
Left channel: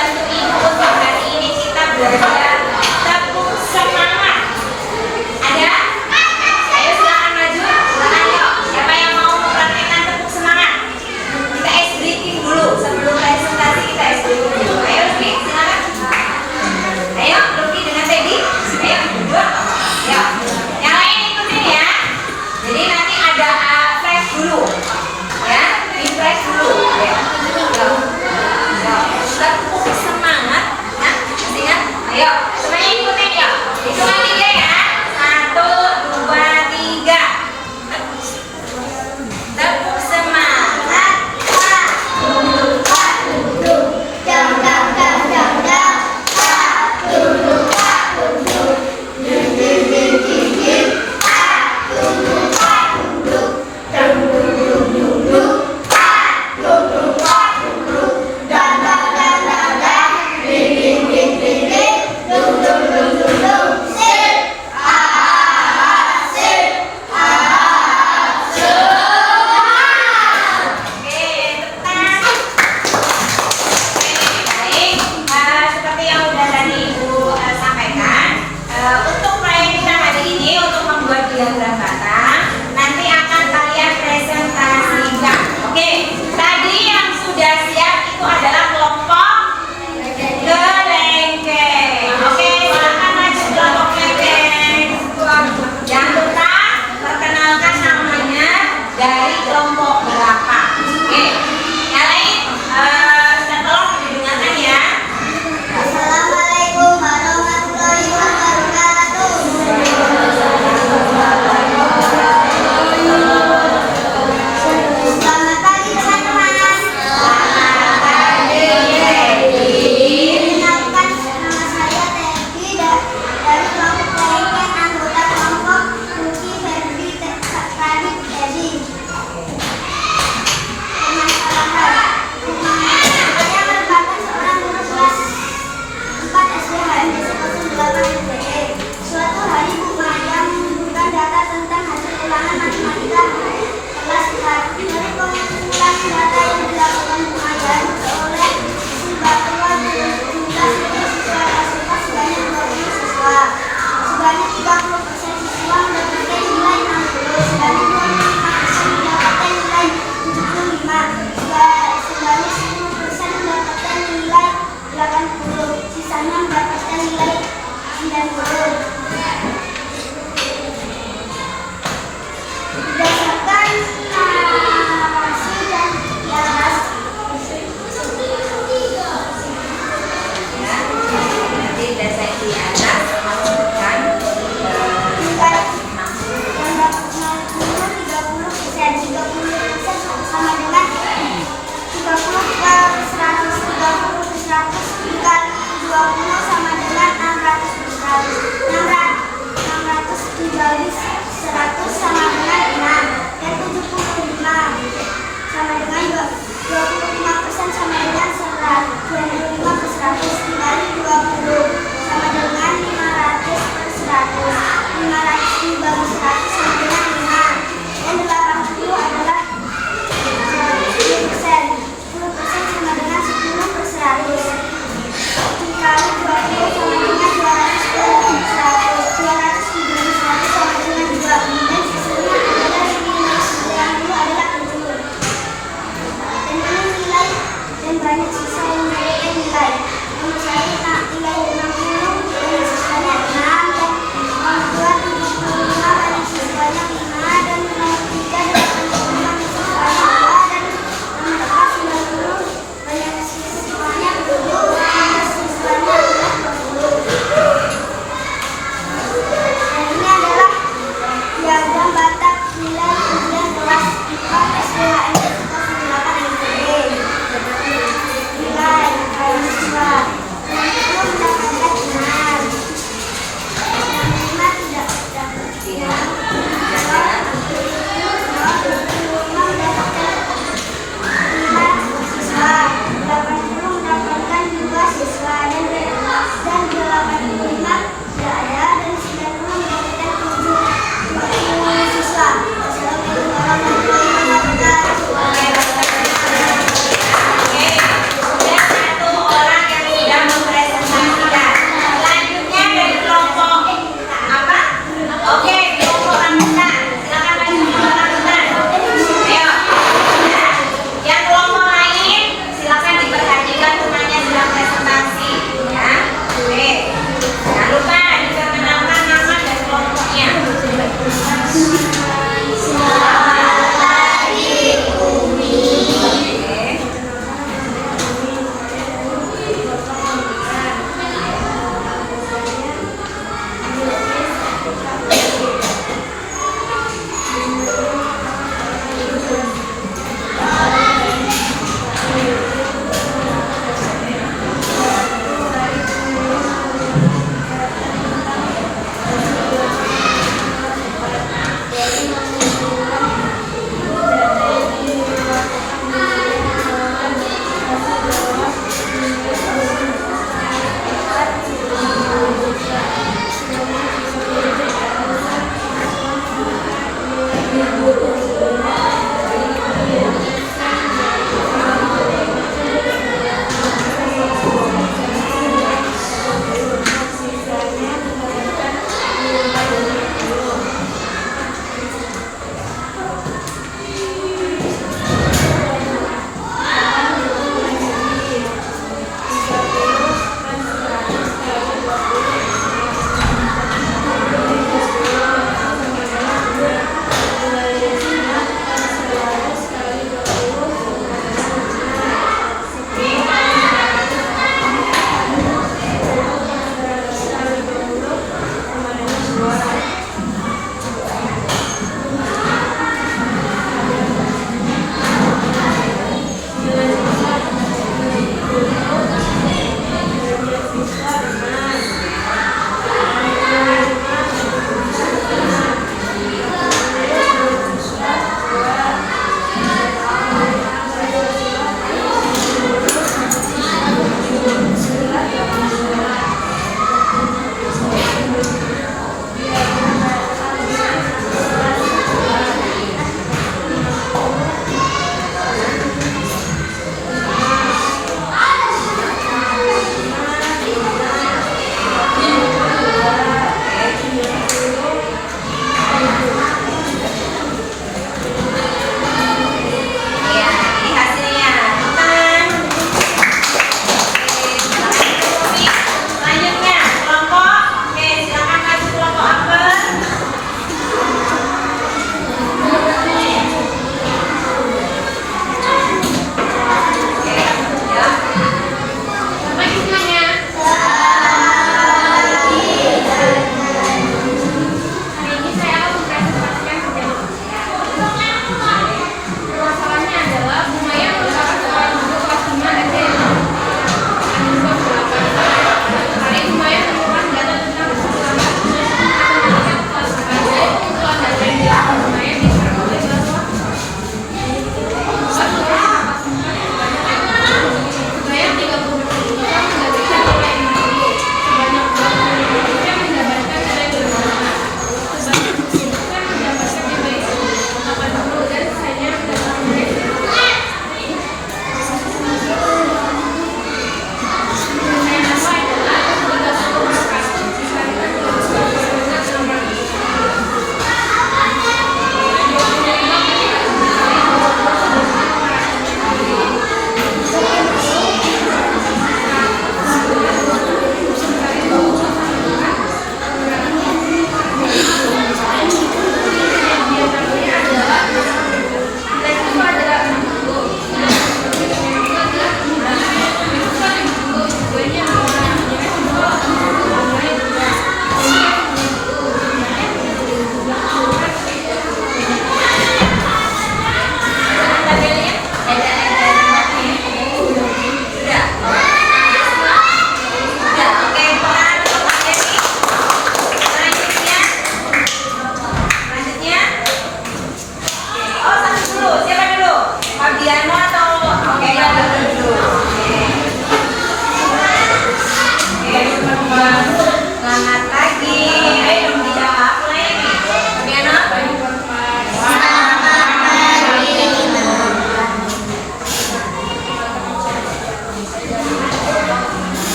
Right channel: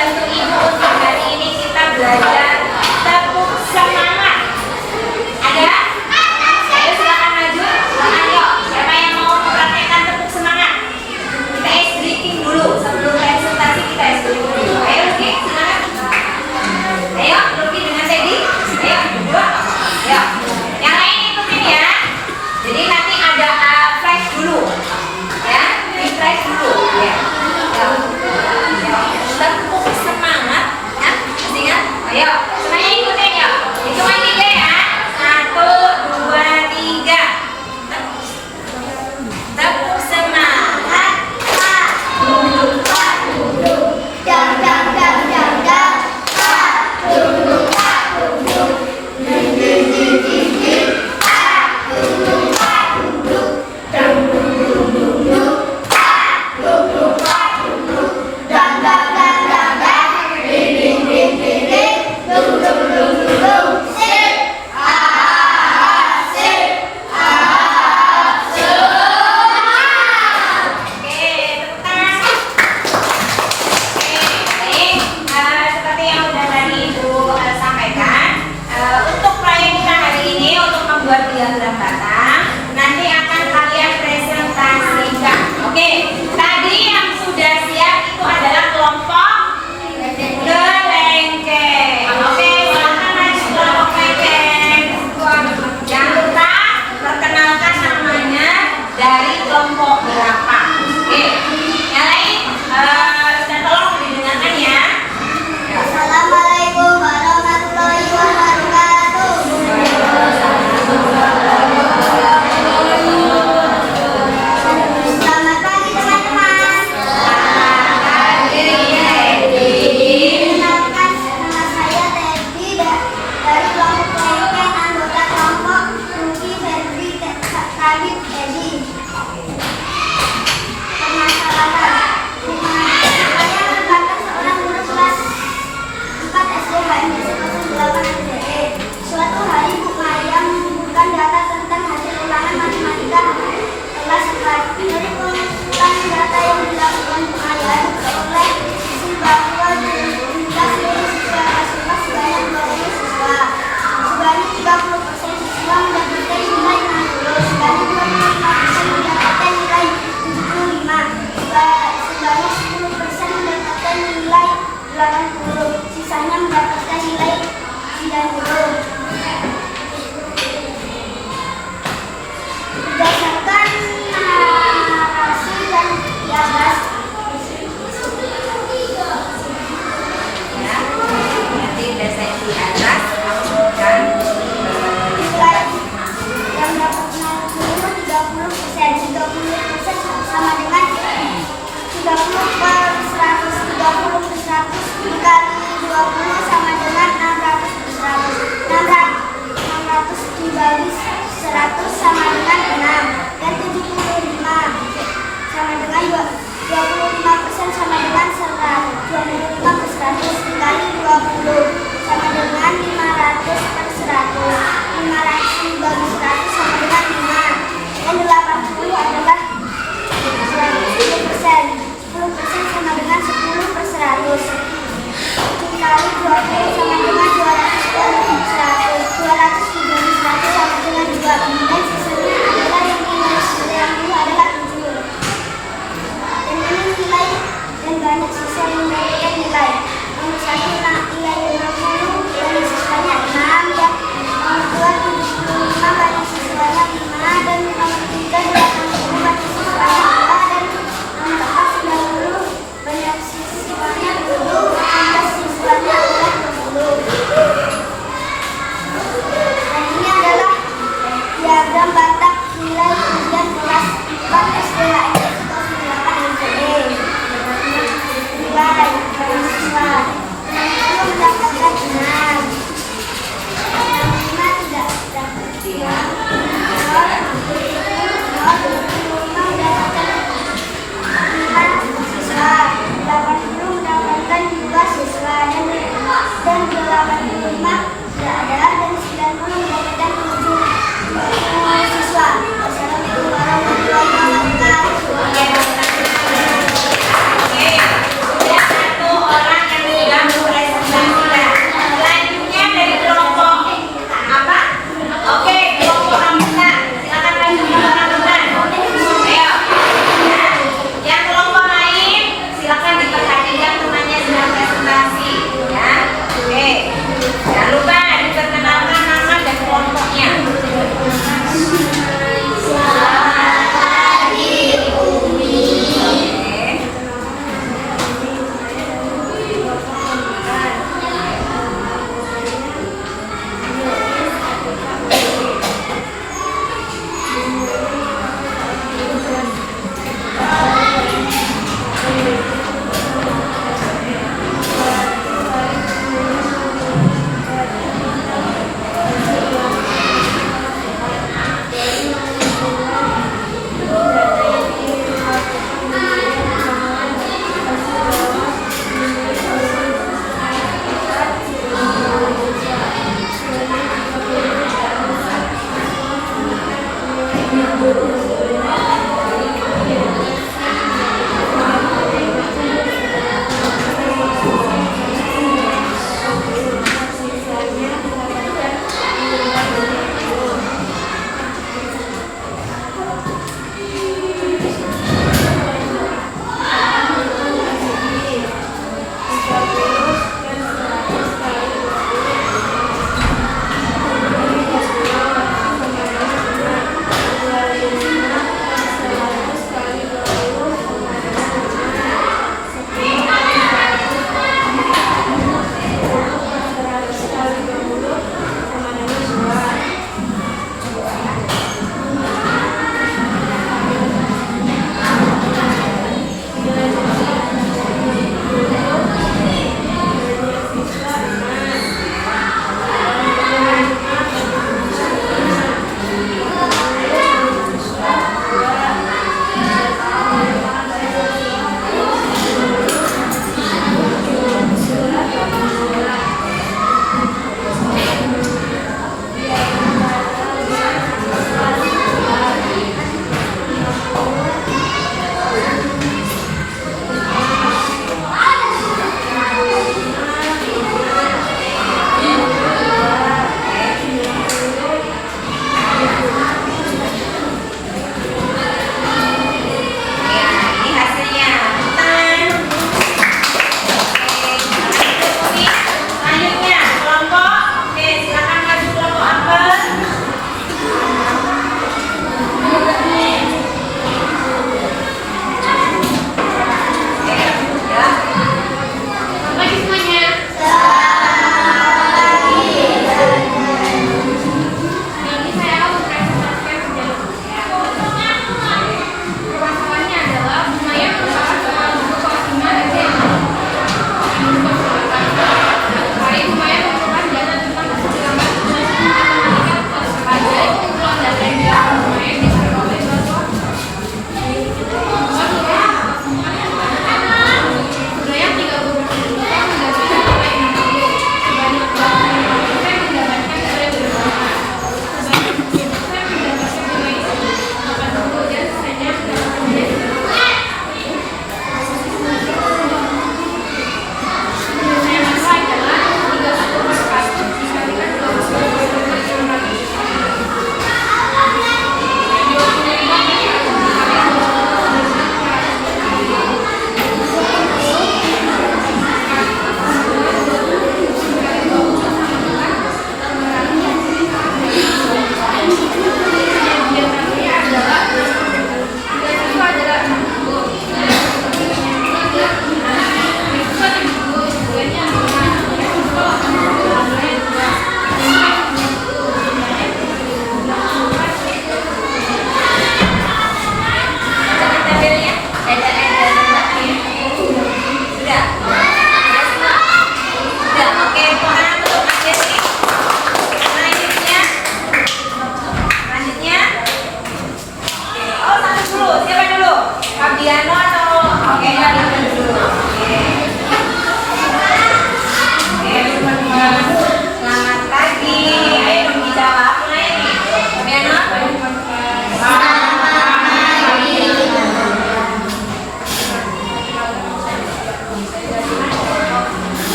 bantu ibu untuk hari ini kita belajar tepuk semangat. Ada? Ayo silakan maju. Silakan yuk. Siapa yang mau mempraktekkan tepuk semangat? Kita ice breaking dulu sebelum presentasi, kita ice breaking dulu. Ayo Lucky, silakan. Ayo Lucky dengan Teddy. Ayo berdua. Ayo. Yang lain ikutin ya. Jadi nanti ada flash dulu. Ya, di flash dulu. Ya. Tepuk semangat ya, masih ingat? Ayo, semuanya ikutin ya. Hitungan 3 ya. 1, 2, 3. Tepuk semangat. Duduk, duduk, jam, jam, jam, jam, jam. Duduk, duduk, din, din, din, din, din. Duduk, duduk, duduk, duduk, duduk. Duduk, duduk, dan, dan, dan, dan, dan. Din, din, din, din, din. Duduk, duduk, duduk. Sip. Sip. Sip. Oke, tepuk tangan. Oke, baik. Seperti yang udah tadi Ibu sampaikan, untuk proyek kita hari ini untuk membuat diagram batang, nanti akan kalian presentasikan. Oke, tadi yang sudah siap itu adalah kelompok gelengkeng. Oke, silakan maju kelompok gelengkeng. Jangan lupa perkenalkan namanya dari kelompok berapa. Oke, yang lain tolong didengarkan ya. Assalamualaikum warahmatullahi wabarakatuh. Selamat pagi teman-teman. Selamat pagi, Teddy. Perkenalkan, nama saya Teddy dari kelompok gelengkeng, anggota kelompok Ruki Ferdi Kadip Edi. Permasalahan, saya merupakan seorang guru kelas 4 SD HMD 08 SDE. Suatu hari Bu Maria mengumpulkan data tentang hasil ulangan matematika kelas 4. Dari pengumpulan data yang dilakukan Bu Maria diperoleh hasil bahwa jumlah seluruh siswa kelas 4 sebanyak 20 siswa. Sebanyak 30% siswa mendapatkan nilai 60, sebanyak 25% mendapatkan nilai 75, sebanyak 10% mendapatkan nilai 80, sisanya mendapatkan nilai 90. Berdasarkan narasi dan di atas, Ya, nanti dasar di atas masukkan nilai yang dapat 90 30% sama dengan 30 per 100, 30 per 100 dikali 20 sama dengan 600 per 100. 600 dibagi 100 sama dengan 6, dan 75 sama dengan 25% sama dengan 25 per 100 dikali 20 sama dengan 500 per 100. 500 dibagi 100 sama dengan 5, dan 80 adalah 10%. 10% sama dengan 10 per 100 dikali 20 sama dengan 200 per 100. 200 dibagi 100 sama dengan 2, dan sisanya adalah yang dulu adalah 7. Dan ini nilai, dan banyak siswa yang mendapatkan nilai. Nomor 1 nilai 60 dan siswanya 6, dan nomor 2 75 banyak siswanya 5, dan nomor 3 80 banyak siswanya 2, dan nomor 4 90 banyak siswanya 7, dan siswanya adalah 20. Dan ini adalah diagram batak nilai ujian kelas 4 SDHMD 08 SDE. Nilai banyak siswa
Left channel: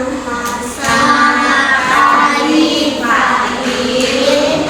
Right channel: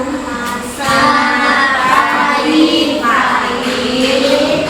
Selamat pagi, Fatin.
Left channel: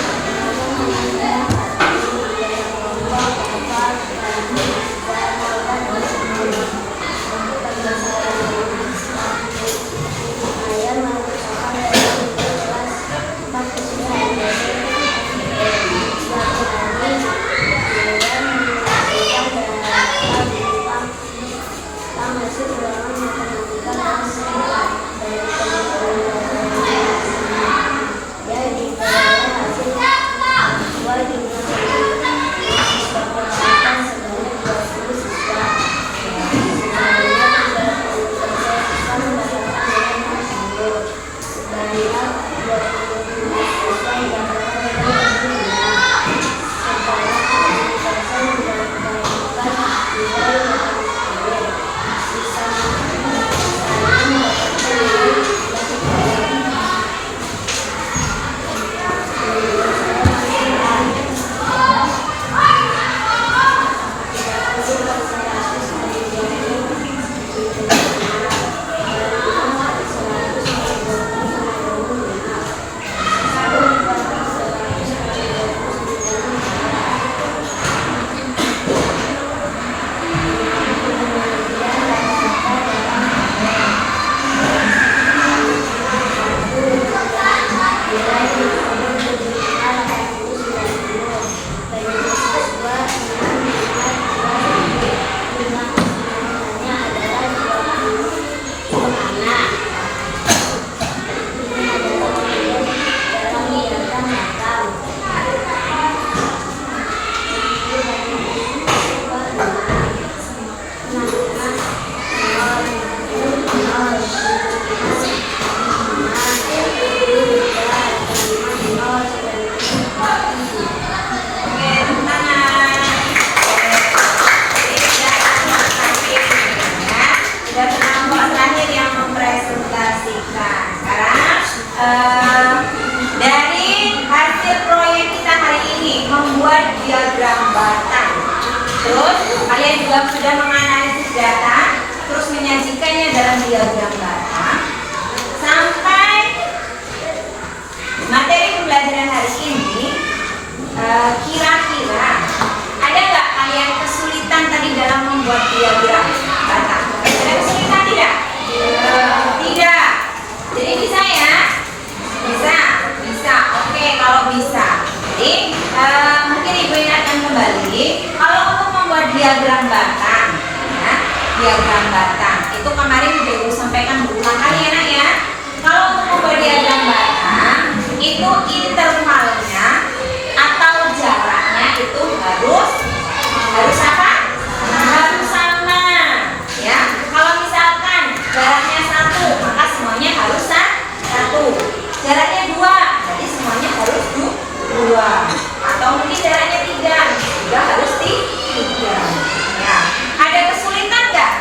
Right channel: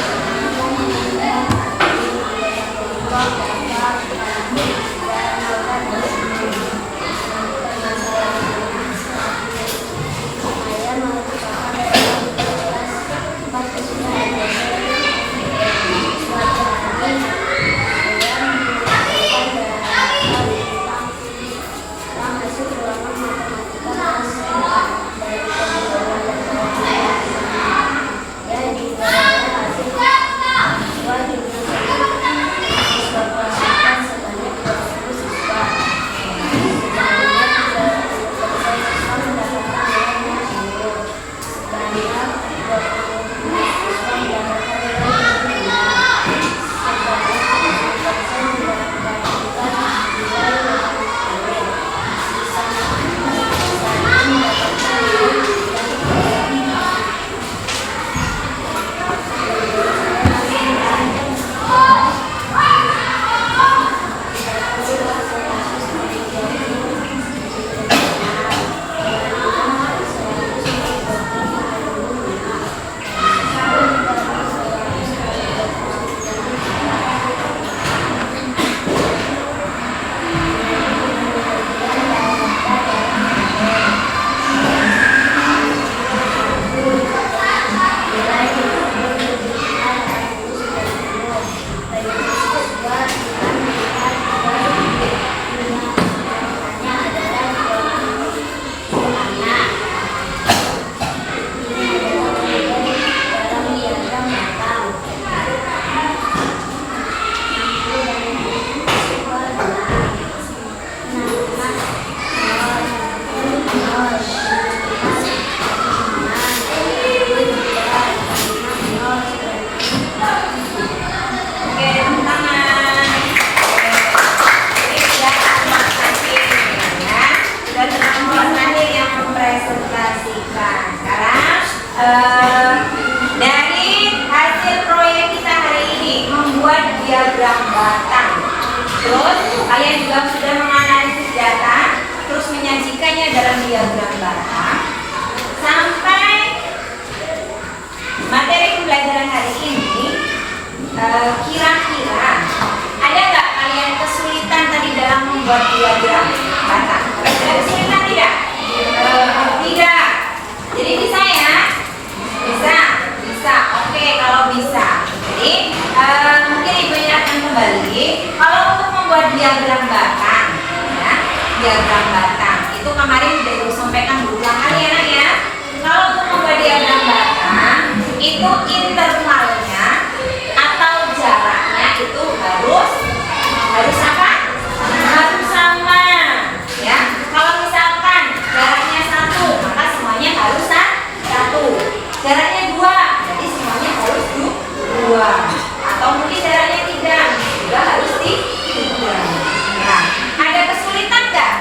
Dari hasil proyek kita hari ini membuat diagram batang. Terus kalian juga sudah menganalisis data, terus menyajikannya dalam diagram batang. Sampai materi pembelajaran hari ini, kira-kira ada nggak kalian kesulitan tadi dalam membuat diagram batang? Ada kesulitan tidak? Tidak. Jadi bisa ya? Bisa. Oke, kalau bisa. Jadi mungkin Ibu ini akan kembali. Kalau untuk membuat diagram batang, ya, diagram batang itu kemarin sudah Ibu sampaikan berulang kali ya nak ya. Kalau untuk membuat diagram batang itu intervalnya atau jaraknya itu harus apa? Harus sama. Ya, kalau misalkan jaraknya 1, maka semuanya harus 1. Jaraknya 2, jadi semuanya harus 2. Atau mungkin jaraknya 3, juga harus 3. Ya, ada kesulitan nggak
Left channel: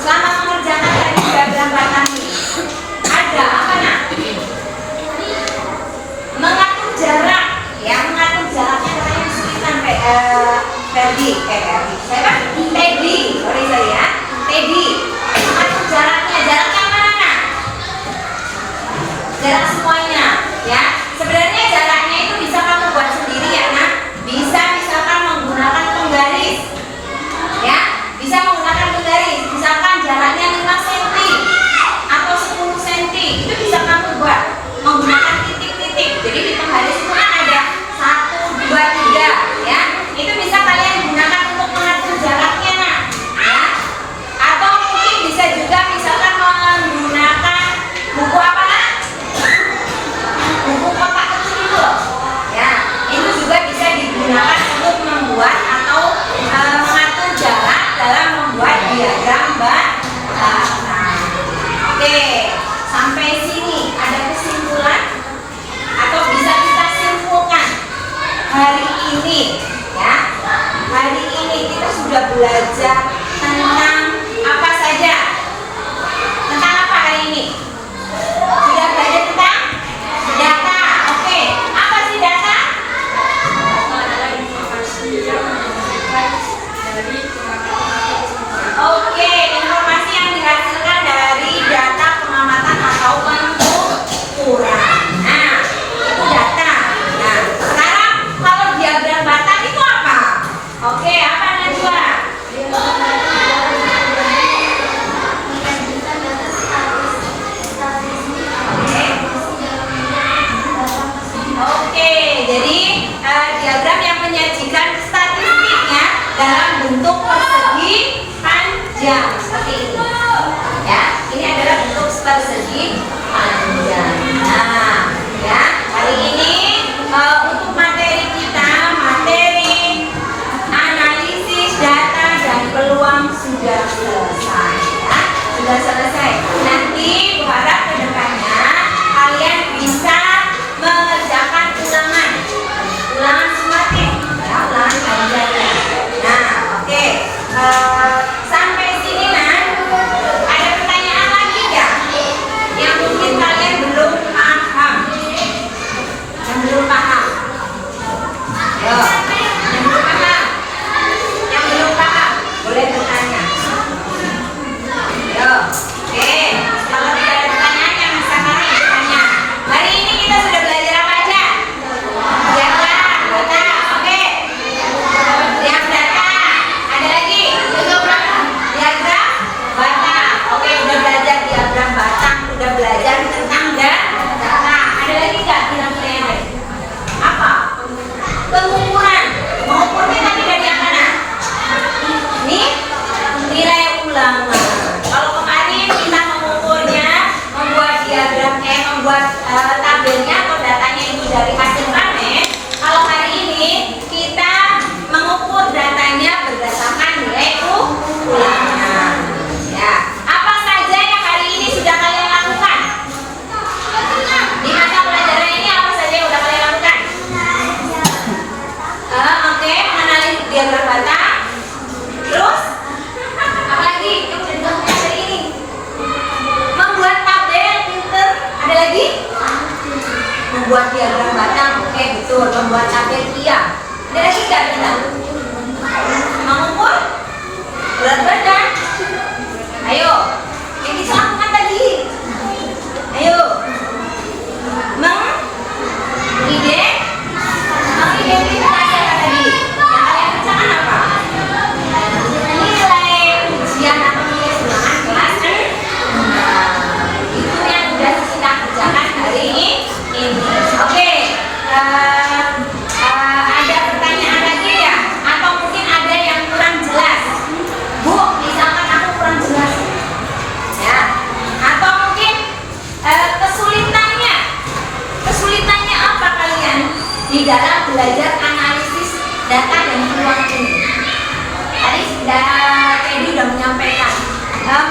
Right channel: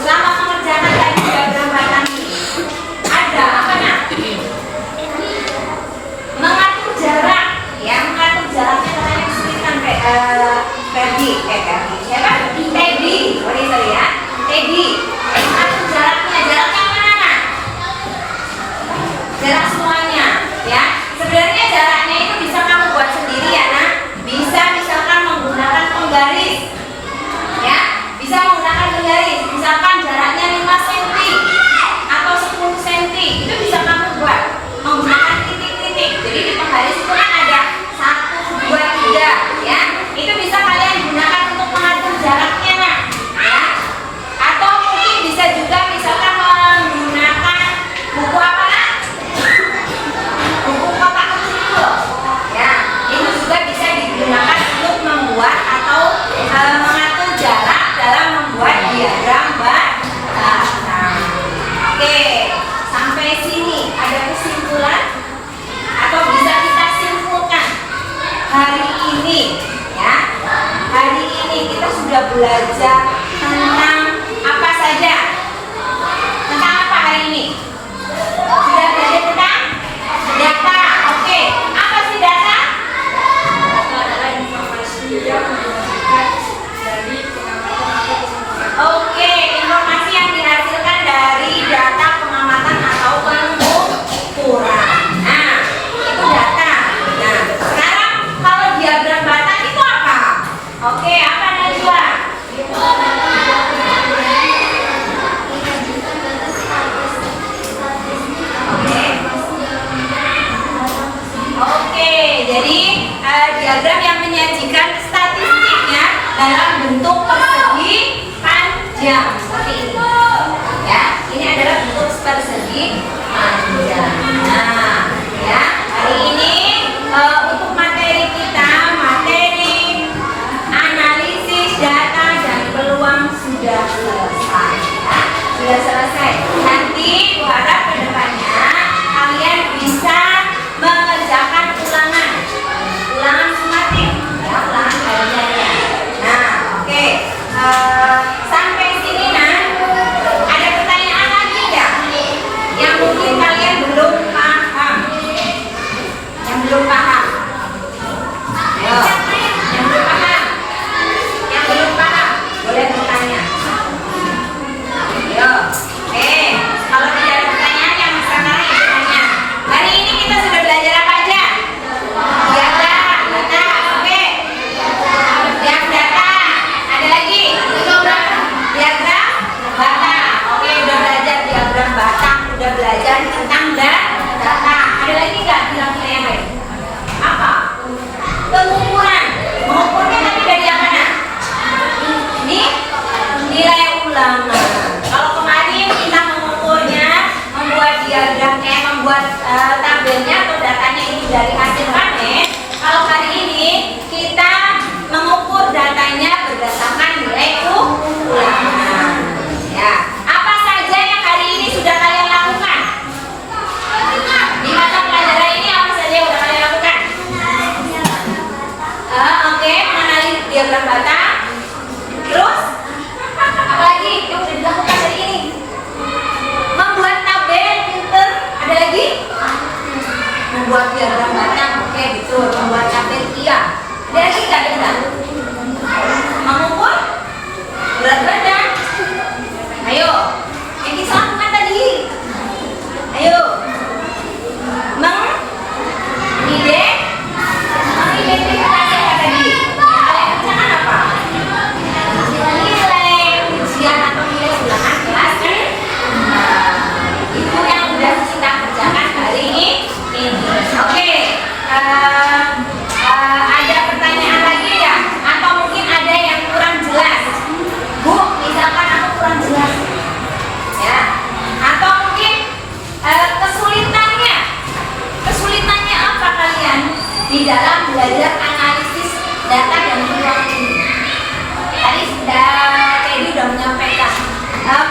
selama mengerjakan tadi diagram batang ini? Ada apa nak? Mengatur jarak, ya, mengatur jaraknya katanya kesulitan. Teddy, siapa? Sorry ya, Teddy. Mengatur jaraknya mana nak? Jarak semuanya, ya. Sebenarnya jaraknya itu bisa kamu buat sendiri ya nak. Bisa misalkan menggunakan penggaris, ya. Bisa menggunakan penggaris. Misalkan jaraknya 5 cm atau 10 cm, itu bisa kamu buat menggunakan titik-titik. Jadi di penggaris itu kan ada 1, 2, 3, ya. Itu bisa kalian gunakan untuk mengatur jaraknya nak, ya. Atau mungkin bisa juga misalkan menggunakan buku apa nak? Buku kotak kecil itu, ya. Itu juga bisa digunakan untuk membuat atau mengatur jarak dalam membuat diagram batang. Oke, sampai sini ada kesimpulan atau bisa kita simpulkan hari ini, ya. Hari ini kita sudah belajar tentang apa saja? Tentang apa hari ini? Sudah belajar tentang data. Oke, apa sih data? Oke, informasi yang dihasilkan dari data pengamatan atau bentuk persegi panjang seperti ini. Ya, ini adalah bentuk persegi panjang. Nah, ya, hari ini untuk materi kita, materi analisis data dan peluang sudah selesai. Ya, sudah selesai. Nanti harap ke depannya kalian bisa mengerjakan ulangan sumatif, ya, ulangan kajiannya. Nah, oke. Sampai sini Nan, ada pertanyaan lagi ya? Yang mungkin kalian belum paham. Yang belum paham. Ayo, yang belum paham. Yang belum paham, boleh bertanya. Ayo, oke. Kalau tidak ada pertanyaan yang sekarang ya bertanya. Hari ini kita sudah belajar apa aja? Diagram, data, oke. Diagram data, ada lagi? Diagram bata, oke. Udah belajar diagram batang, udah belajar tentang data. Ada lagi nggak bilang yang lain? Apa? Pengukuran. Mengukurnya tadi dari yang mana? Ini nilai ulangan. Kalau kemarin kita mengukurnya, membuat membuat tabelnya atau datanya itu dari hasil panen. Kalau hari ini kita mengukur datanya berdasarkan nilai ulangan. Ya, apa saja yang hari ini sudah kalian lakukan? Di mata pelajaran ini apa saja yang sudah kalian lakukan? Oke, mengenali diagram bata. Terus apa lagi yang sudah dilakukan hari ini? Membuat tabel filter. Ada lagi? Membuat diagram batang. Oke, betul. Membuat tabel, iya. Ada lagi nggak kita? Mengukur berat badan. Ayo, yang kita lakukan tadi. Ayo, mengidentifikasi apa tadi? Yang kalian kerjakan apa? Nilai ujian atau nilai ulangan kelas kan? Itu yang udah kita kerjakan hari ini. Oke, ada pertanyaan lagi ya? Atau mungkin ada yang kurang jelas? Bu, misalkan aku kurang jelas, ya? Atau mungkin kesulitannya apa kalian di dalam belajar analisis data dan peluang ini? Tadi Teddy udah menyampaikan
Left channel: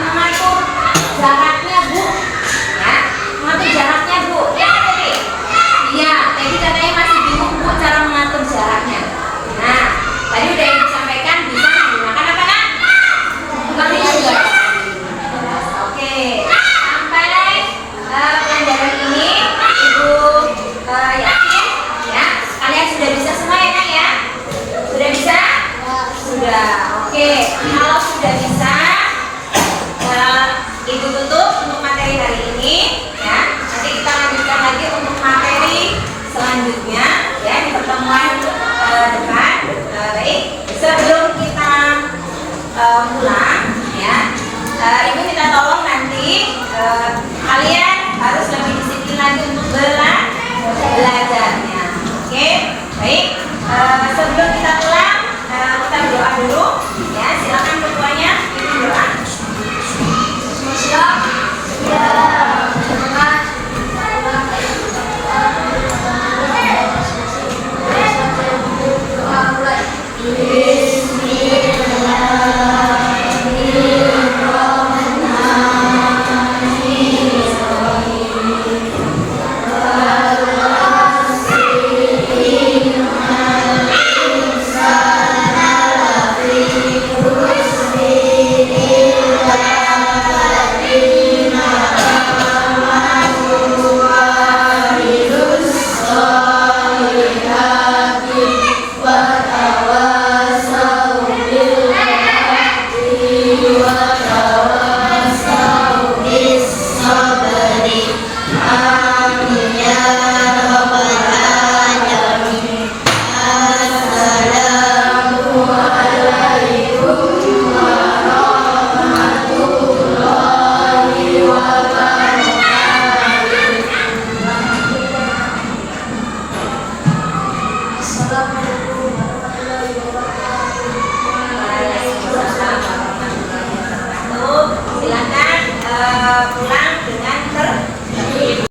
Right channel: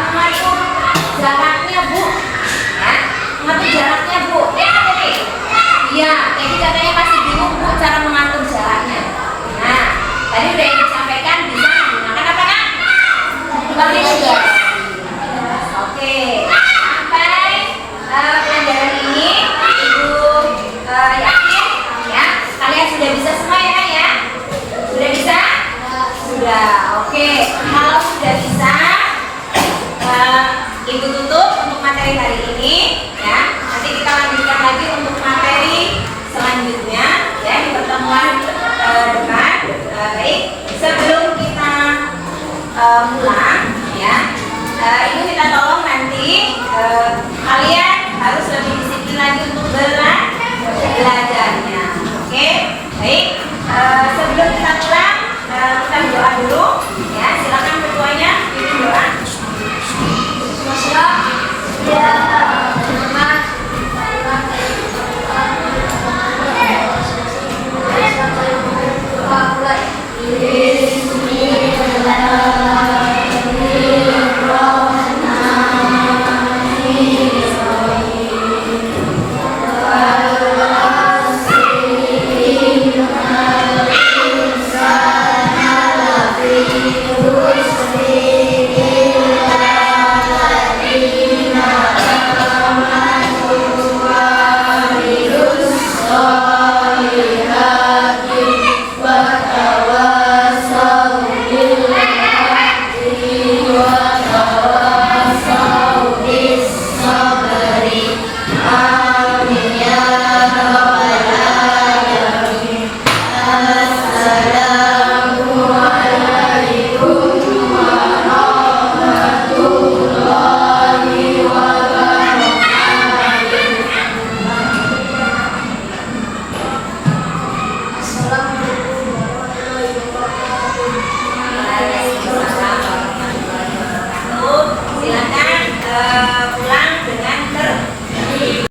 mengatur jaraknya Bu, ya, mengatur jaraknya Bu, ya Teddy. Iya, Teddy katanya masih bingung Bu cara mengatur jaraknya. Nah, tadi udah disampaikan bisa menggunakan apa nak? Kalkulator. Oke, sampai pelajaran ini Ibu yakin ya kalian sudah bisa semua ya kan ya? Sudah bisa? Sudah. Oke, kalau sudah bisa Ibu tutup untuk materi hari ini ya. Nanti kita lanjutkan lagi untuk materi selanjutnya ya di pertemuan depan. Baik, sebelum kita pulang ya, Ibu minta tolong nanti kalian harus lebih disiplin lagi untuk belajarnya. Oke, baik. Sebelum kita pulang, kita berdoa dulu ya. Silakan ketuanya pimpin doa. Ya.